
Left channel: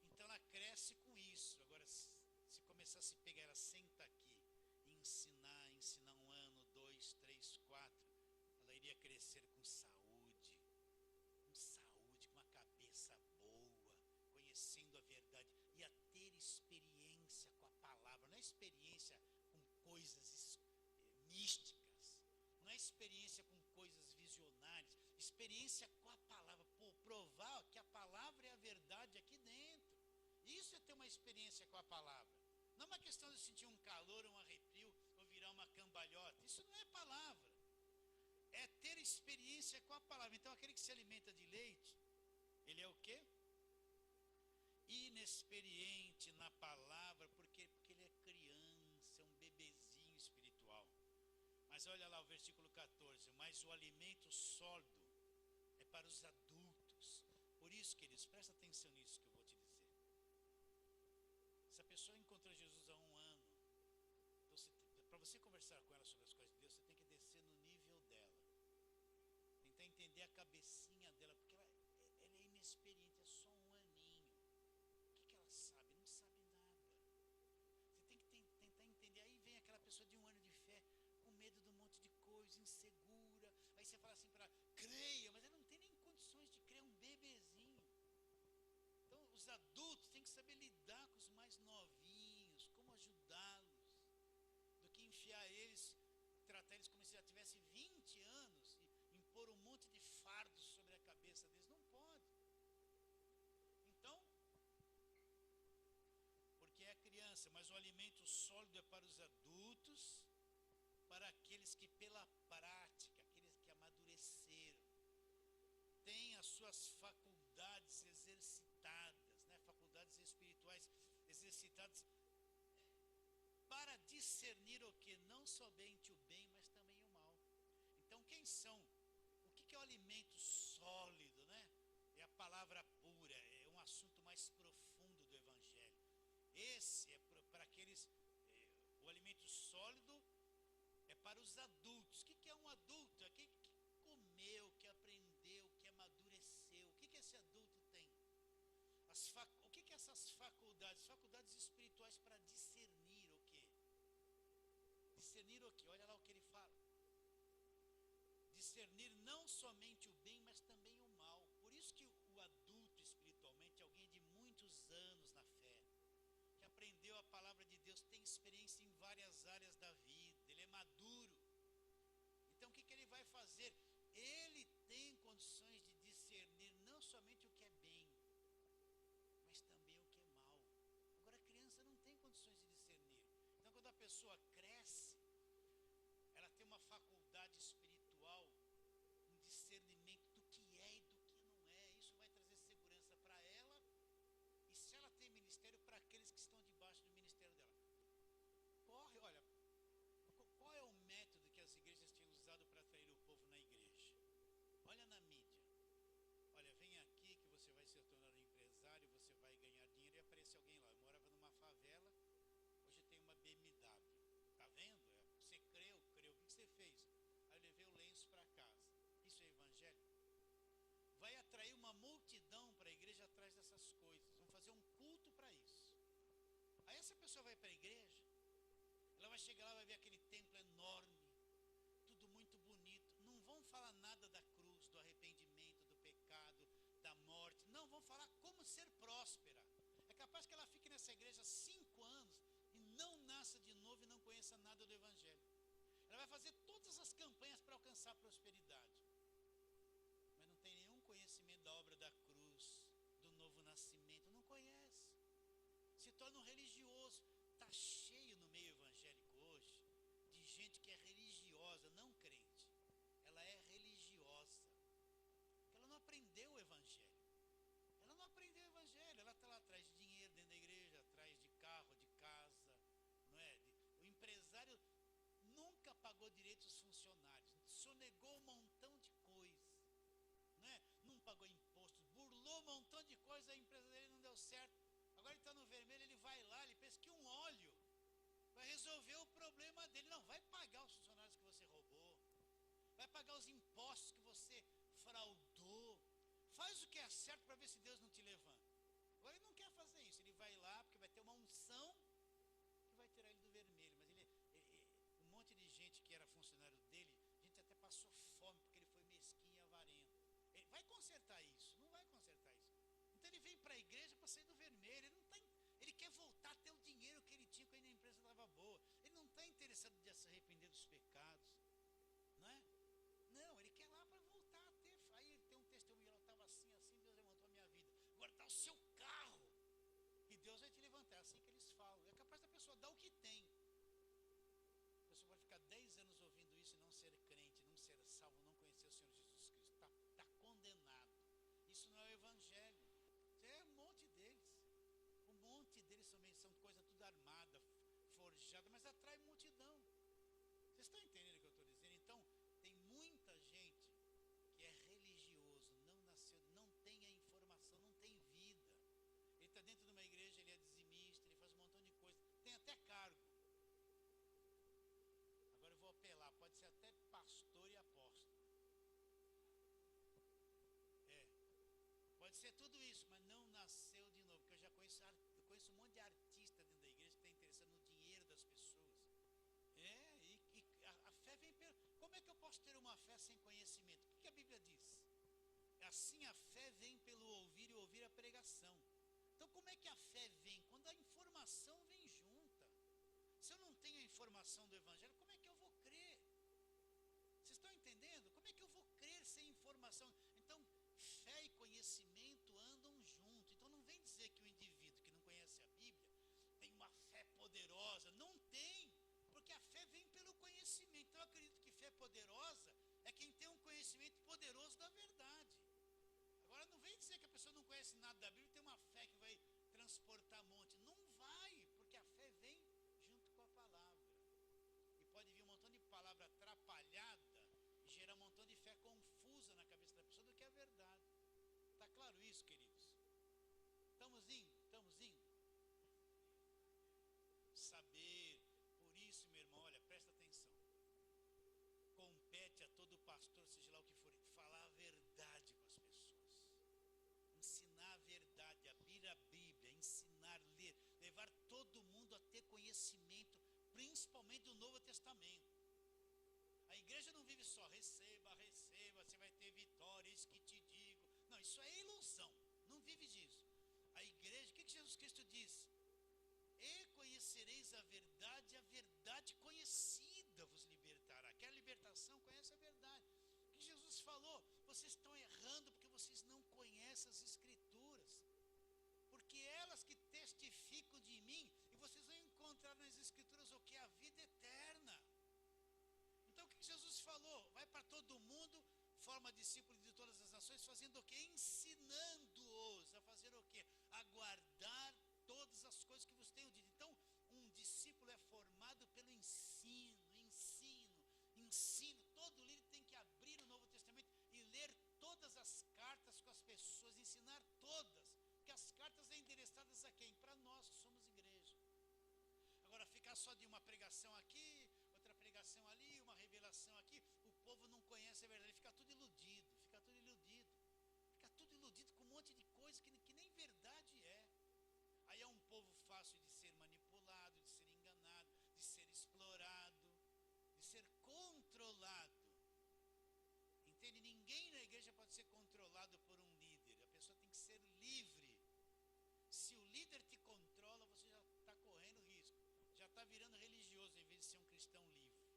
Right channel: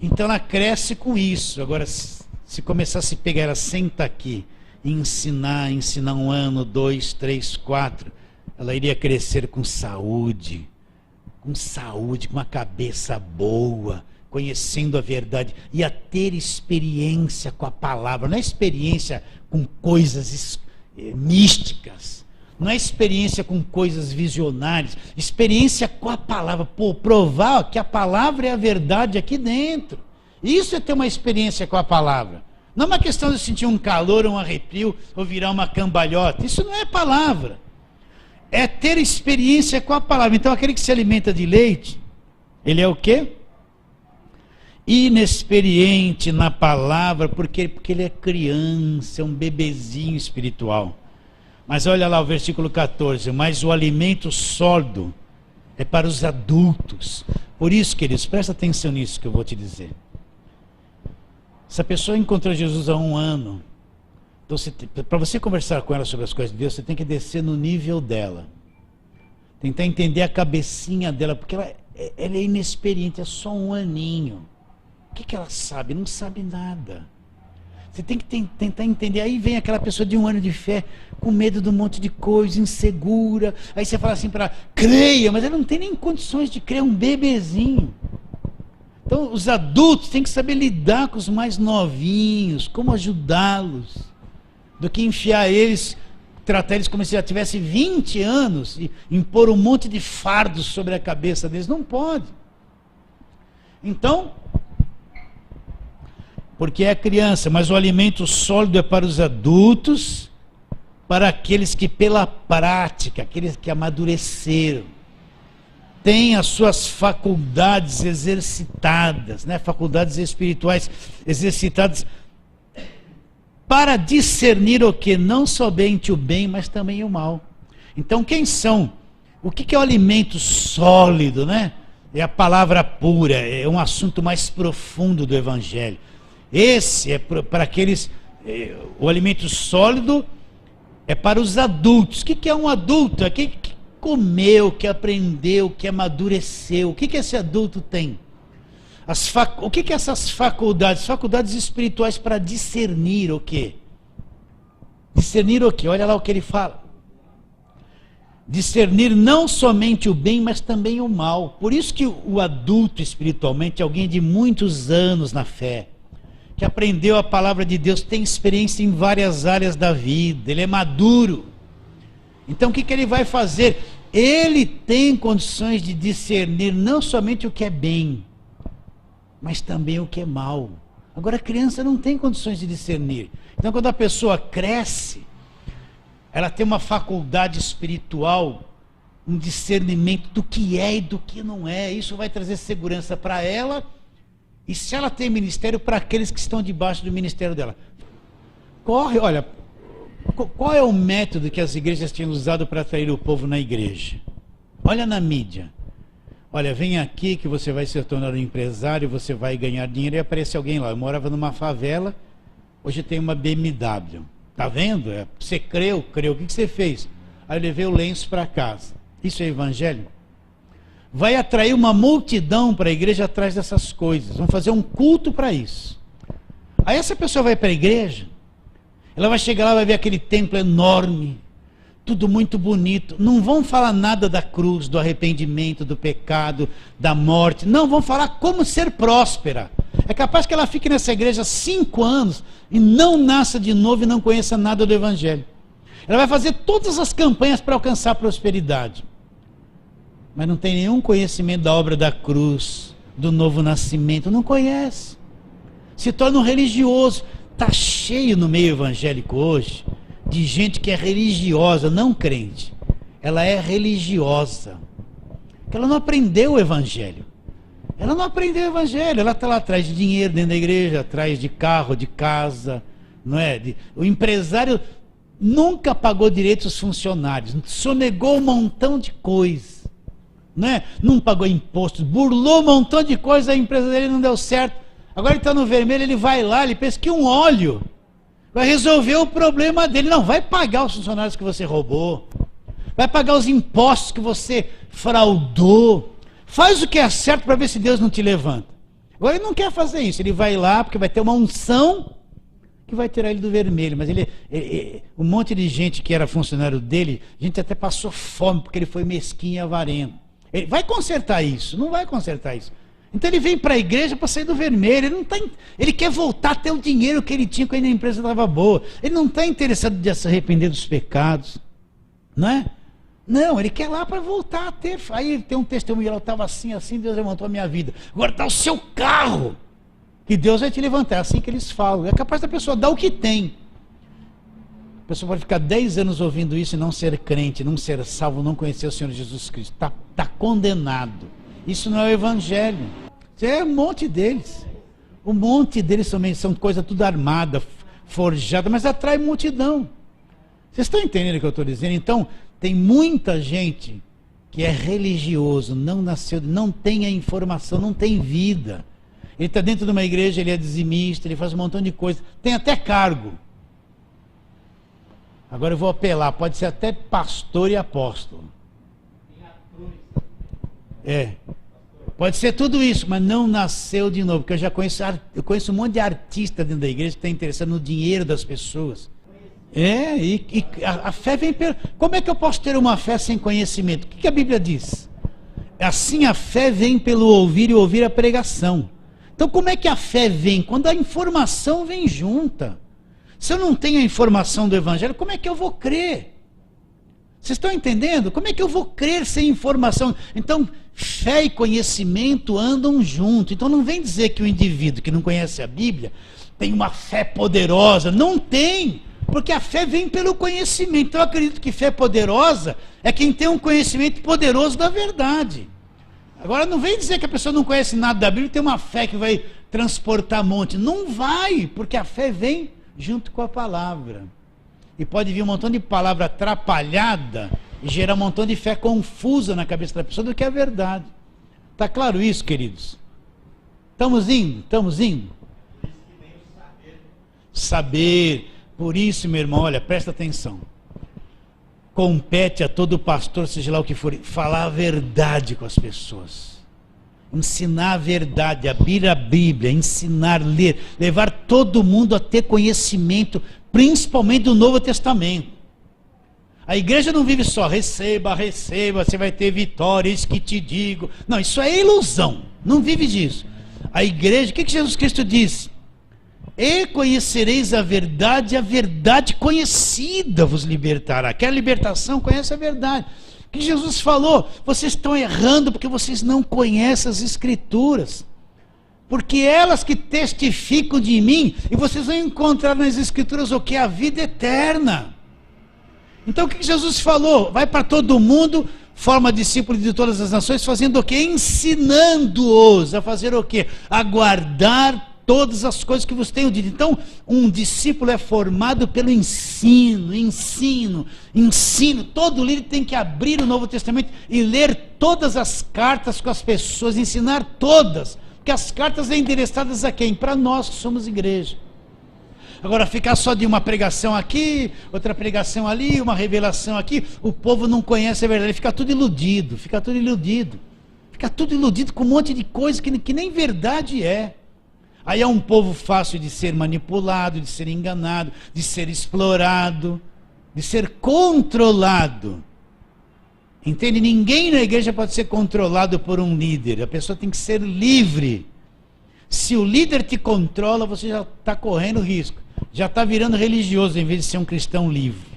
Então ela cresce com isso. Agora, se começar a se pegar, ela senta aqui, e ensinar 1 ano, 2, 3, 4, ela iria crescer com saúde, com uma cabeça boa, conhecendo a verdade, e a ter experiência com a palavra, não é experiência com coisas místicas, não é experiência com coisas visionárias, experiência com a palavra, provar que a palavra é a verdade aqui dentro. Isso é ter uma experiência com a palavra. Não é uma questão de sentir um calor, um arrepio, ou virar uma cambalhota. Isso não é palavra. É ter experiência com a palavra. Então aquele que se alimenta de leite, ele é o quê? Inexperiente na palavra, porque ele é criança, é um bebezinho espiritual. Mas olha lá o versículo 14, mas o alimento sólido é para os adultos. Por isso, queridos, presta atenção nisso que eu vou te dizer. Se a pessoa encontrou Jesus há 1 ano, então para você conversar com ela sobre as coisas de Deus, você tem que descer no nível dela. Tentar entender a cabecinha dela, porque ela é inexperiente, é só 1 aninho. O que ela sabe? Não sabe nada. Você tem que tentar entender. Aí vem aquela pessoa de 1 ano de fé, com medo de um monte de coisa, insegura. Aí você fala assim para ela, creia, mas ela não tem nem condições de crer, é um bebezinho. Então os adultos têm que saber lidar com os mais novinhos, como ajudá-los, do que enfiar eles, tratar eles como se já tivesse 20 anos e impor um monte de fardos sobre a cabeça deles. Não pode. Então, porque é criança, mas o alimento sólido é para os adultos, para aqueles que pela prática, aqueles que amadureceram, têm as suas faculdades exercitadas, né? Faculdades espirituais exercitadas, para discernir o que? Não somente o bem, mas também o mal. Então quem são? O que é o alimento sólido, né? É a palavra pura, é um assunto mais profundo do Evangelho. Esse é para aqueles, o alimento sólido é para os adultos. O que é um adulto? É aquele que comeu, que aprendeu, que amadureceu. O que esse adulto tem? O que essas faculdades? Faculdades espirituais para discernir o quê? Discernir o quê? Olha lá o que ele fala. Discernir não somente o bem, mas também o mal. Por isso que o adulto espiritualmente é alguém de muitos anos na fé, que aprendeu a palavra de Deus, tem experiência em várias áreas da vida, ele é maduro. Então o que ele vai fazer? Ele tem condições de discernir não somente o que é bem, mas também o que é mal. Agora a criança não tem condições de discernir. Então quando a pessoa cresce, ela tem uma faculdade espiritual, um discernimento do que é e do que não é. Isso vai trazer segurança para ela. E se ela tem ministério, para aqueles que estão debaixo do ministério dela. Olha, qual é o método que as igrejas tinham usado para atrair o povo na igreja? Olha na mídia. Olha, vem aqui que você vai se tornar um empresário, você vai ganhar dinheiro, e aparece alguém lá. Eu morava numa favela, hoje tem uma BMW. Tá vendo? Você creu. O que você fez? Aí eu levei o lenço para casa. Isso é evangelho? Vai atrair uma multidão para a igreja atrás dessas coisas. Vão fazer um culto para isso. Aí essa pessoa vai para a igreja, ela vai chegar lá, vai ver aquele templo enorme, tudo muito bonito. Não vão falar nada da cruz, do arrependimento, do pecado, da morte. Não, vão falar como ser próspera. É capaz que ela fique nessa igreja 5 anos e não nasça de novo e não conheça nada do evangelho. Ela vai fazer todas as campanhas para alcançar a prosperidade. mas não tem nenhum conhecimento da obra da cruz, do novo nascimento, não conhece. Se torna um religioso. Está cheio no meio evangélico hoje de gente que é religiosa, não crente. Ela é religiosa. Porque ela não aprendeu o evangelho. Ela não aprendeu o evangelho. Ela está lá atrás de dinheiro dentro da igreja, atrás de carro, de casa, não é? O empresário nunca pagou direito aos funcionários, sonegou um montão de coisa, não é? Não pagou imposto, burlou um montão de coisa, a empresa dele não deu certo. Agora ele está no vermelho, ele vai lá, ele pensa que um óleo vai resolver o problema dele. Não, vai pagar os funcionários que você roubou, vai pagar os impostos que você fraudou. Faz o que é certo para ver se Deus não te levanta. Agora ele não quer fazer isso, ele vai lá porque vai ter uma unção que vai tirar ele do vermelho. Mas um monte de gente que era funcionário dele, a gente até passou fome porque ele foi mesquinho e avarento. Ele vai consertar isso? Não vai consertar isso. Então ele vem para a igreja para sair do vermelho. Ele quer voltar a ter o dinheiro que ele tinha quando a empresa estava boa. Ele não está interessado em se arrepender dos pecados, não é? Não, ele quer lá para voltar a ter. Aí tem um testemunho, eu estava assim, Deus levantou a minha vida. Agora está o seu carro, que Deus vai te levantar. É assim que eles falam. É capaz da pessoa dar o que tem. A pessoa pode ficar 10 anos ouvindo isso e não ser crente, não ser salvo, não conhecer o Senhor Jesus Cristo. Está condenado. Isso não é o evangelho. É um monte deles. Um monte deles também são coisa tudo armada, forjada, mas atrai multidão. Vocês estão entendendo o que eu estou dizendo? Então, tem muita gente que é religioso, não nasceu, não tem a informação, não tem vida. Ele está dentro de uma igreja, ele é dizimista, ele faz um montão de coisa, tem até cargo. Agora eu vou apelar, pode ser até pastor e apóstolo. Pode ser tudo isso, mas não nasceu de novo, porque eu conheço um monte de artista dentro da igreja que está interessado no dinheiro das pessoas. A fé vem pelo... Como é que eu posso ter uma fé sem conhecimento? O que a Bíblia diz? Assim a fé vem pelo ouvir e ouvir a pregação. Então como é que a fé vem? Quando a informação vem junta. Se eu não tenho a informação do evangelho, como é que eu vou crer? Vocês estão entendendo? Como é que eu vou crer sem informação? Então, fé e conhecimento andam junto. Então não vem dizer que o indivíduo que não conhece a Bíblia tem uma fé poderosa. Não tem, porque a fé vem pelo conhecimento. Então eu acredito que fé poderosa é quem tem um conhecimento poderoso da verdade. Agora não vem dizer que a pessoa não conhece nada da Bíblia e tem uma fé que vai transportar monte. Não vai, porque a fé vem junto com a palavra. E pode vir um montão de palavra atrapalhada e gerar um montão de fé confusa na cabeça da pessoa do que é verdade. Está claro isso, queridos? Estamos indo? Estamos indo? Saber. Por isso, meu irmão, olha, presta atenção. Compete a todo pastor, seja lá o que for, falar a verdade com as pessoas. Ensinar a verdade, abrir a Bíblia, ensinar, ler, levar todo mundo a ter conhecimento, principalmente do Novo Testamento. A igreja não vive só, receba, receba, você vai ter vitória, isso que te digo. Não, isso é ilusão, não vive disso. A igreja, o que Jesus Cristo disse? E conhecereis a verdade conhecida vos libertará. Quer libertação? Conhece a verdade. O que Jesus falou? Vocês estão errando porque vocês não conhecem as Escrituras. Porque elas que testificam de mim, e vocês vão encontrar nas Escrituras o que? A vida eterna. Então o que Jesus falou? Vai para todo mundo, forma discípulos de todas as nações, fazendo o quê? Ensinando-os a fazer o quê? A guardar todas as coisas que vos tenho dito. Então, um discípulo é formado pelo ensino. Todo líder tem que abrir o Novo Testamento e ler todas as cartas com as pessoas, ensinar todas. Porque as cartas são endereçadas a quem? Para nós que somos igreja. Agora, ficar só de uma pregação aqui, outra pregação ali, uma revelação aqui, o povo não conhece a verdade, fica tudo iludido. Fica tudo iludido com um monte de coisa que nem verdade é. Aí é um povo fácil de ser manipulado, de ser enganado, de ser explorado, de ser controlado. Entende? Ninguém na igreja pode ser controlado por um líder. A pessoa tem que ser livre. Se o líder te controla, você já está correndo risco. Já está virando religioso em vez de ser um cristão livre.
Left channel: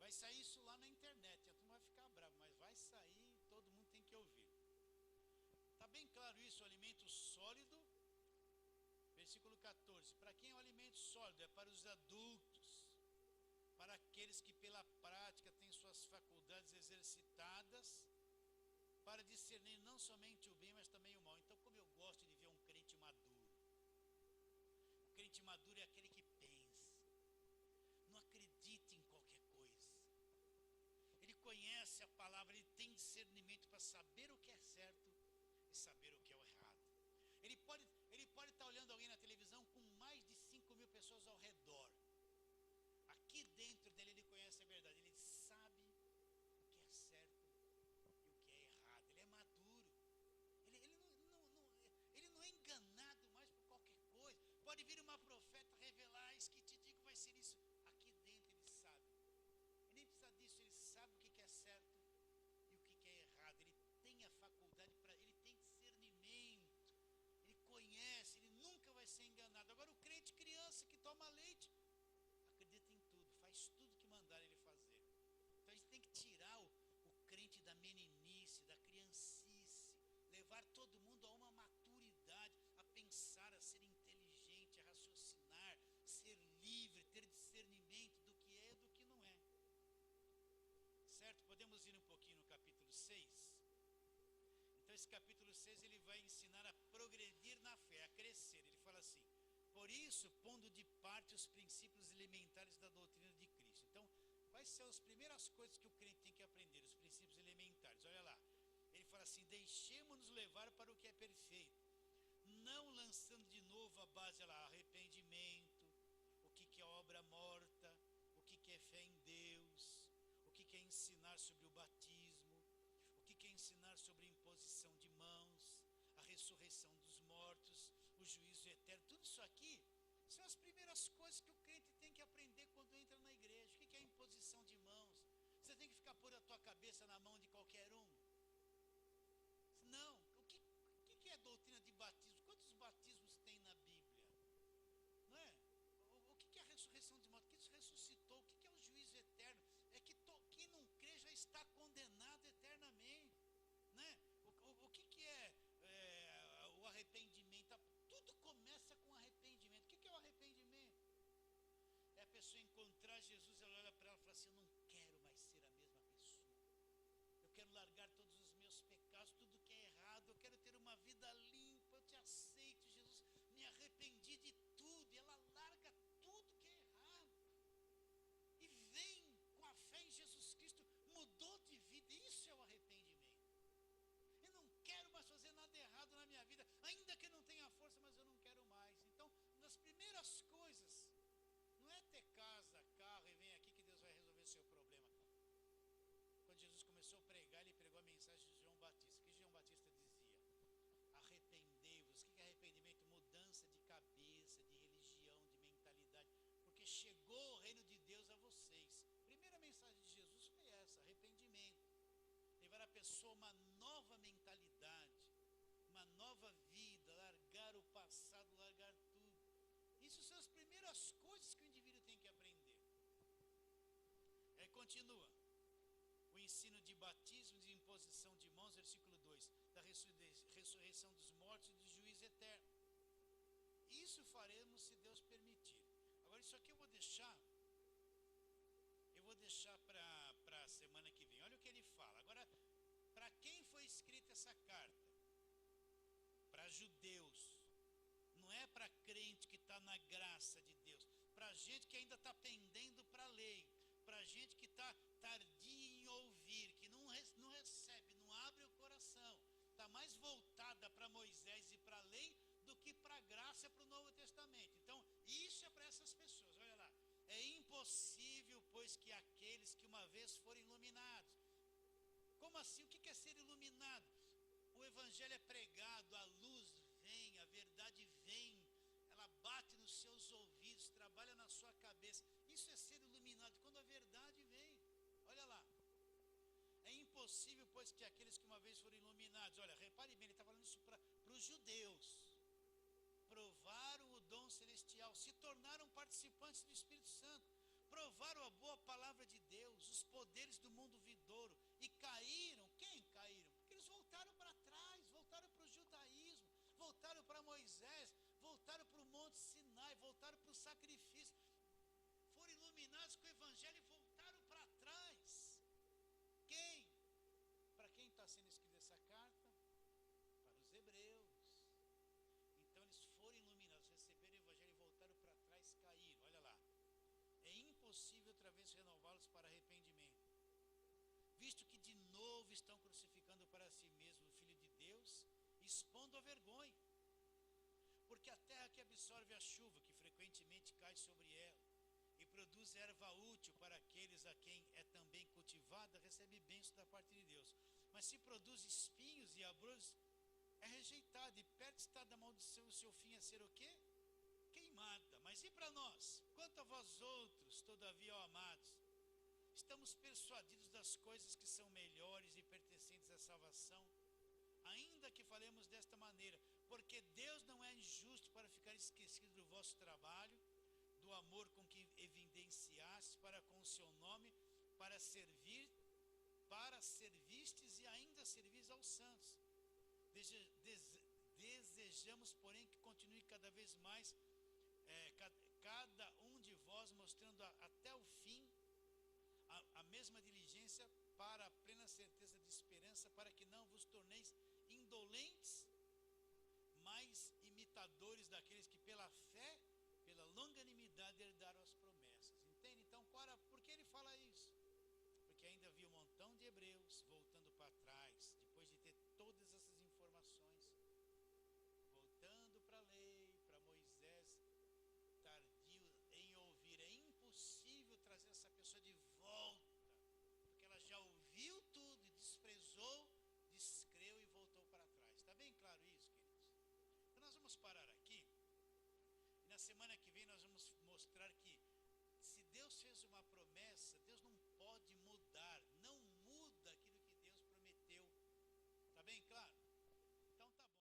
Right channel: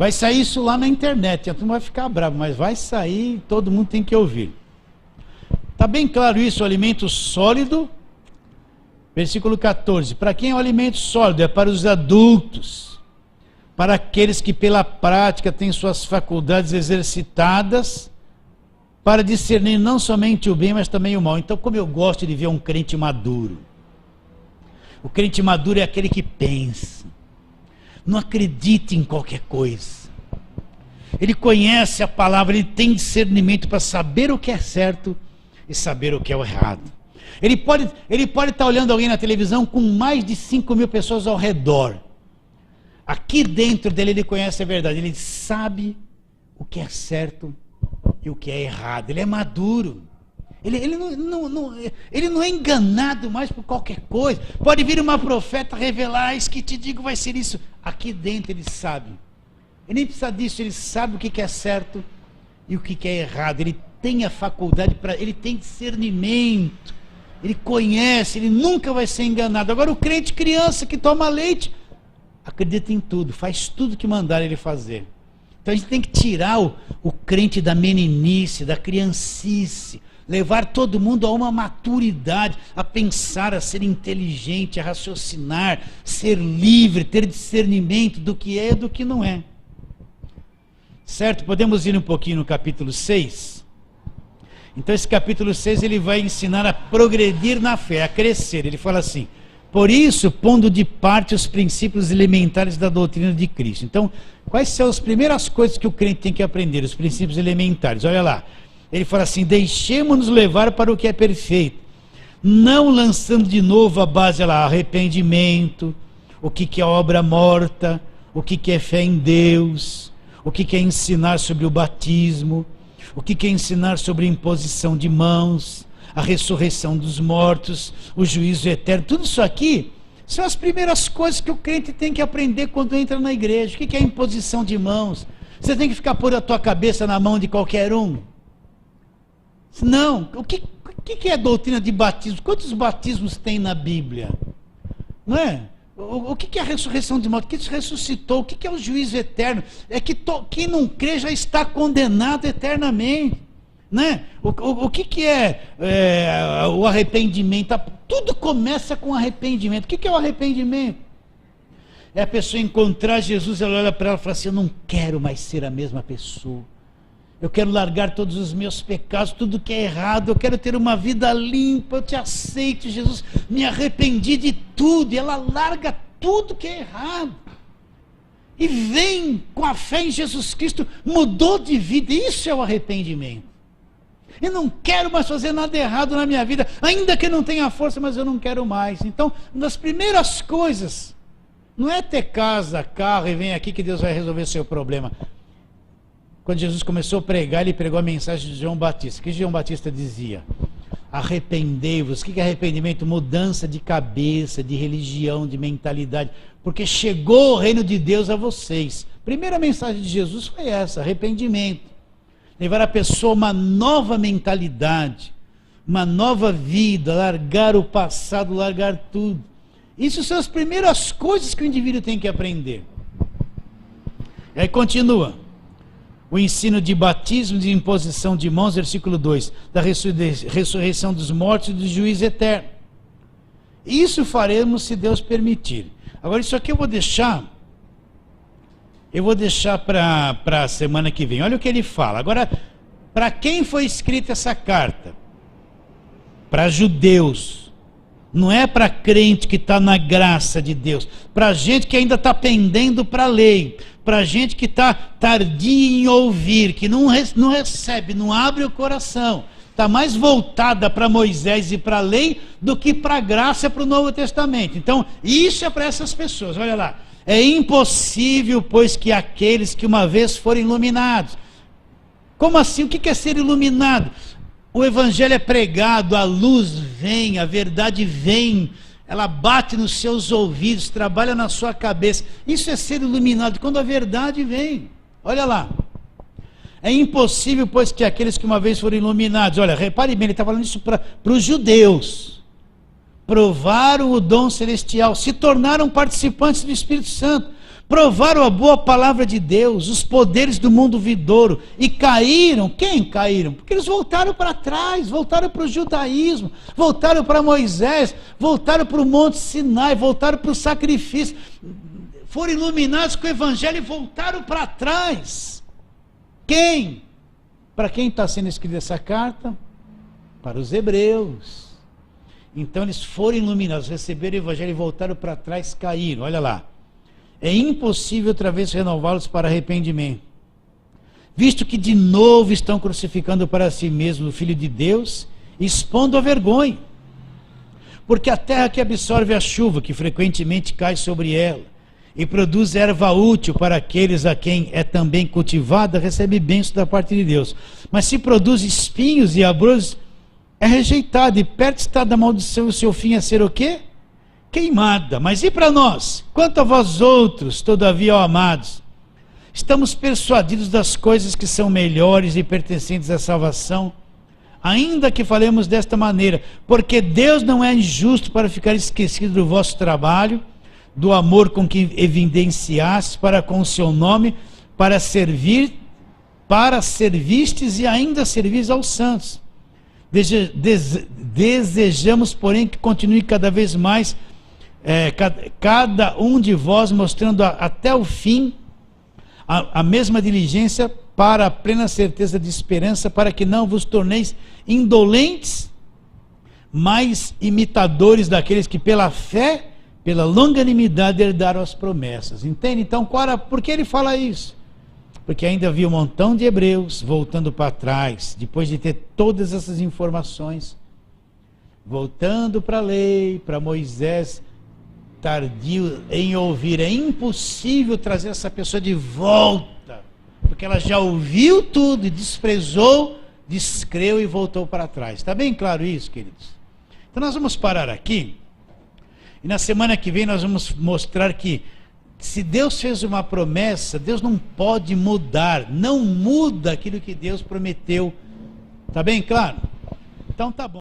Vai sair isso lá na internet, a turma vai ficar brava, mas vai sair, todo mundo tem que ouvir. Está bem claro isso, o alimento sólido, versículo 14. Para quem é o alimento sólido? É para os adultos, para aqueles que pela prática têm suas faculdades exercitadas, para discernir não somente o bem, mas também o mal. Então, como eu gosto de ver um crente maduro. O crente maduro é aquele que pensa, não acredita em qualquer coisa. Ele conhece a palavra, ele tem discernimento para saber o que é certo e saber o que é o errado. Ele pode estar olhando alguém na televisão com mais de 5.000 pessoas ao redor. Aqui dentro dele ele conhece a verdade, ele sabe o que é certo e o que é errado. Ele é maduro. Ele não é enganado mais por qualquer coisa. Pode vir uma profeta revelar, isso que te digo vai ser isso. Aqui dentro ele sabe. Ele nem precisa disso, ele sabe o que é certo e o que é errado. Ele tem a faculdade, ele tem discernimento. Ele conhece, ele nunca vai ser enganado. Agora o crente criança que toma leite, acredita em tudo, faz tudo que mandaram ele fazer. Então a gente tem que tirar o crente da meninice, da criancice, levar todo mundo a uma maturidade, a pensar, a ser inteligente, a raciocinar, ser livre, ter discernimento do que é e do que não é. Certo? Podemos ir um pouquinho no capítulo 6? Então esse capítulo 6 ele vai ensinar a progredir na fé, a crescer. Ele fala assim: por isso, pondo de parte os princípios elementares da doutrina de Cristo. Então, quais são as primeiras coisas que o crente tem que aprender? Os princípios elementares. Olha lá. Ele fala assim: deixemos-nos levar para o que é perfeito, não lançando de novo a base lá, arrependimento, o que é obra morta, o que é fé em Deus, o que é ensinar sobre o batismo, o que é ensinar sobre a imposição de mãos, a ressurreição dos mortos, o juízo eterno. Tudo isso aqui são as primeiras coisas que o crente tem que aprender quando entra na igreja. O que é imposição de mãos? Você tem que ficar pôr a tua cabeça na mão de qualquer um? Não. O que é a doutrina de batismo? Quantos batismos tem na Bíblia? Não é? O que é a ressurreição de mortos? O que se ressuscitou? O que é o juízo eterno? É que quem não crê já está condenado eternamente. Né? O que é o arrependimento? Tudo começa com arrependimento. O que é o arrependimento? É a pessoa encontrar Jesus, ela olha para ela e fala assim: eu não quero mais ser a mesma pessoa. Eu quero largar todos os meus pecados, tudo que é errado, eu quero ter uma vida limpa, eu te aceito, Jesus, me arrependi de tudo. E ela larga tudo que é errado. E vem com a fé em Jesus Cristo, mudou de vida. Isso é o arrependimento. Eu não quero mais fazer nada errado na minha vida, ainda que eu não tenha força, mas eu não quero mais. Então, uma das primeiras coisas, não é ter casa, carro e vem aqui que Deus vai resolver o seu problema. Quando Jesus começou a pregar, ele pregou a mensagem de João Batista. O que João Batista dizia? Arrependei-vos. O que é arrependimento? Mudança de cabeça, de religião, de mentalidade. Porque chegou o reino de Deus a vocês. A primeira mensagem de Jesus foi essa: arrependimento. Levar a pessoa a uma nova mentalidade, uma nova vida, largar o passado, largar tudo. Isso são as primeiras coisas que o indivíduo tem que aprender. E aí continua. O ensino de batismo, de imposição de mãos, versículo 2, da ressurreição dos mortos e do juízo eterno. Isso faremos se Deus permitir. Agora isso aqui eu vou deixar para a semana que vem. Olha o que ele fala. Agora, para quem foi escrita essa carta? Para judeus. Não é para crente que está na graça de Deus. Para gente que ainda está pendendo para a lei. Para gente que está tardia em ouvir, que não recebe, não abre o coração. Está mais voltada para Moisés e para a lei do que para a graça e para o Novo Testamento. Então, isso é para essas pessoas. Olha lá. É impossível, pois, que aqueles que uma vez forem iluminados. Como assim? O que é ser iluminado? O evangelho é pregado, a luz vem, a verdade vem, ela bate nos seus ouvidos, trabalha na sua cabeça. Isso é ser iluminado, quando a verdade vem. Olha lá. É impossível, pois, que aqueles que uma vez foram iluminados. Olha, repare bem, ele está falando isso para os judeus. Provaram o dom celestial, se tornaram participantes do Espírito Santo, provaram a boa palavra de Deus, os poderes do mundo vindouro, e caíram. Quem caíram? Porque eles voltaram para trás, voltaram para o judaísmo, voltaram para Moisés, voltaram para o Monte Sinai, voltaram para o sacrifício, foram iluminados com o Evangelho e voltaram para trás. Quem? Para quem está sendo escrita essa carta? Para os hebreus. Então eles foram iluminados, receberam o Evangelho e voltaram para trás, caíram. Olha lá. É impossível outra vez renová-los para arrependimento, visto que de novo estão crucificando para si mesmo o Filho de Deus, expondo a vergonha. Porque a terra que absorve a chuva, que frequentemente cai sobre ela, e produz erva útil para aqueles a quem é também cultivada, recebe bênção da parte de Deus. Mas se produz espinhos e abrolhos, é rejeitada, e perto está da maldição, o seu fim é ser o quê? Queimada. Mas e para nós? Quanto a vós outros, todavia, ó amados, estamos persuadidos das coisas que são melhores e pertencentes à salvação, ainda que falemos desta maneira, porque Deus não é injusto para ficar esquecido do vosso trabalho, do amor com que evidenciastes para com o seu nome, para servistes e ainda servis aos santos. Desejamos, porém, que continue cada vez mais cada um de vós mostrando até o fim a mesma diligência para a plena certeza de esperança, para que não vos torneis indolentes, mas imitadores daqueles que pela fé, pela longanimidade herdaram as promessas. Entende? Então, por que ele fala isso? Porque ainda havia um montão de hebreus voltando para trás, depois de ter todas essas informações, voltando para a lei, para Moisés, tardio em ouvir. É impossível trazer essa pessoa de volta, porque ela já ouviu tudo e desprezou, descreu e voltou para trás. Está bem claro isso, queridos? Então nós vamos parar aqui, e na semana que vem nós vamos mostrar que se Deus fez uma promessa, Deus não pode mudar, não muda aquilo que Deus prometeu. Está bem claro? Então tá bom.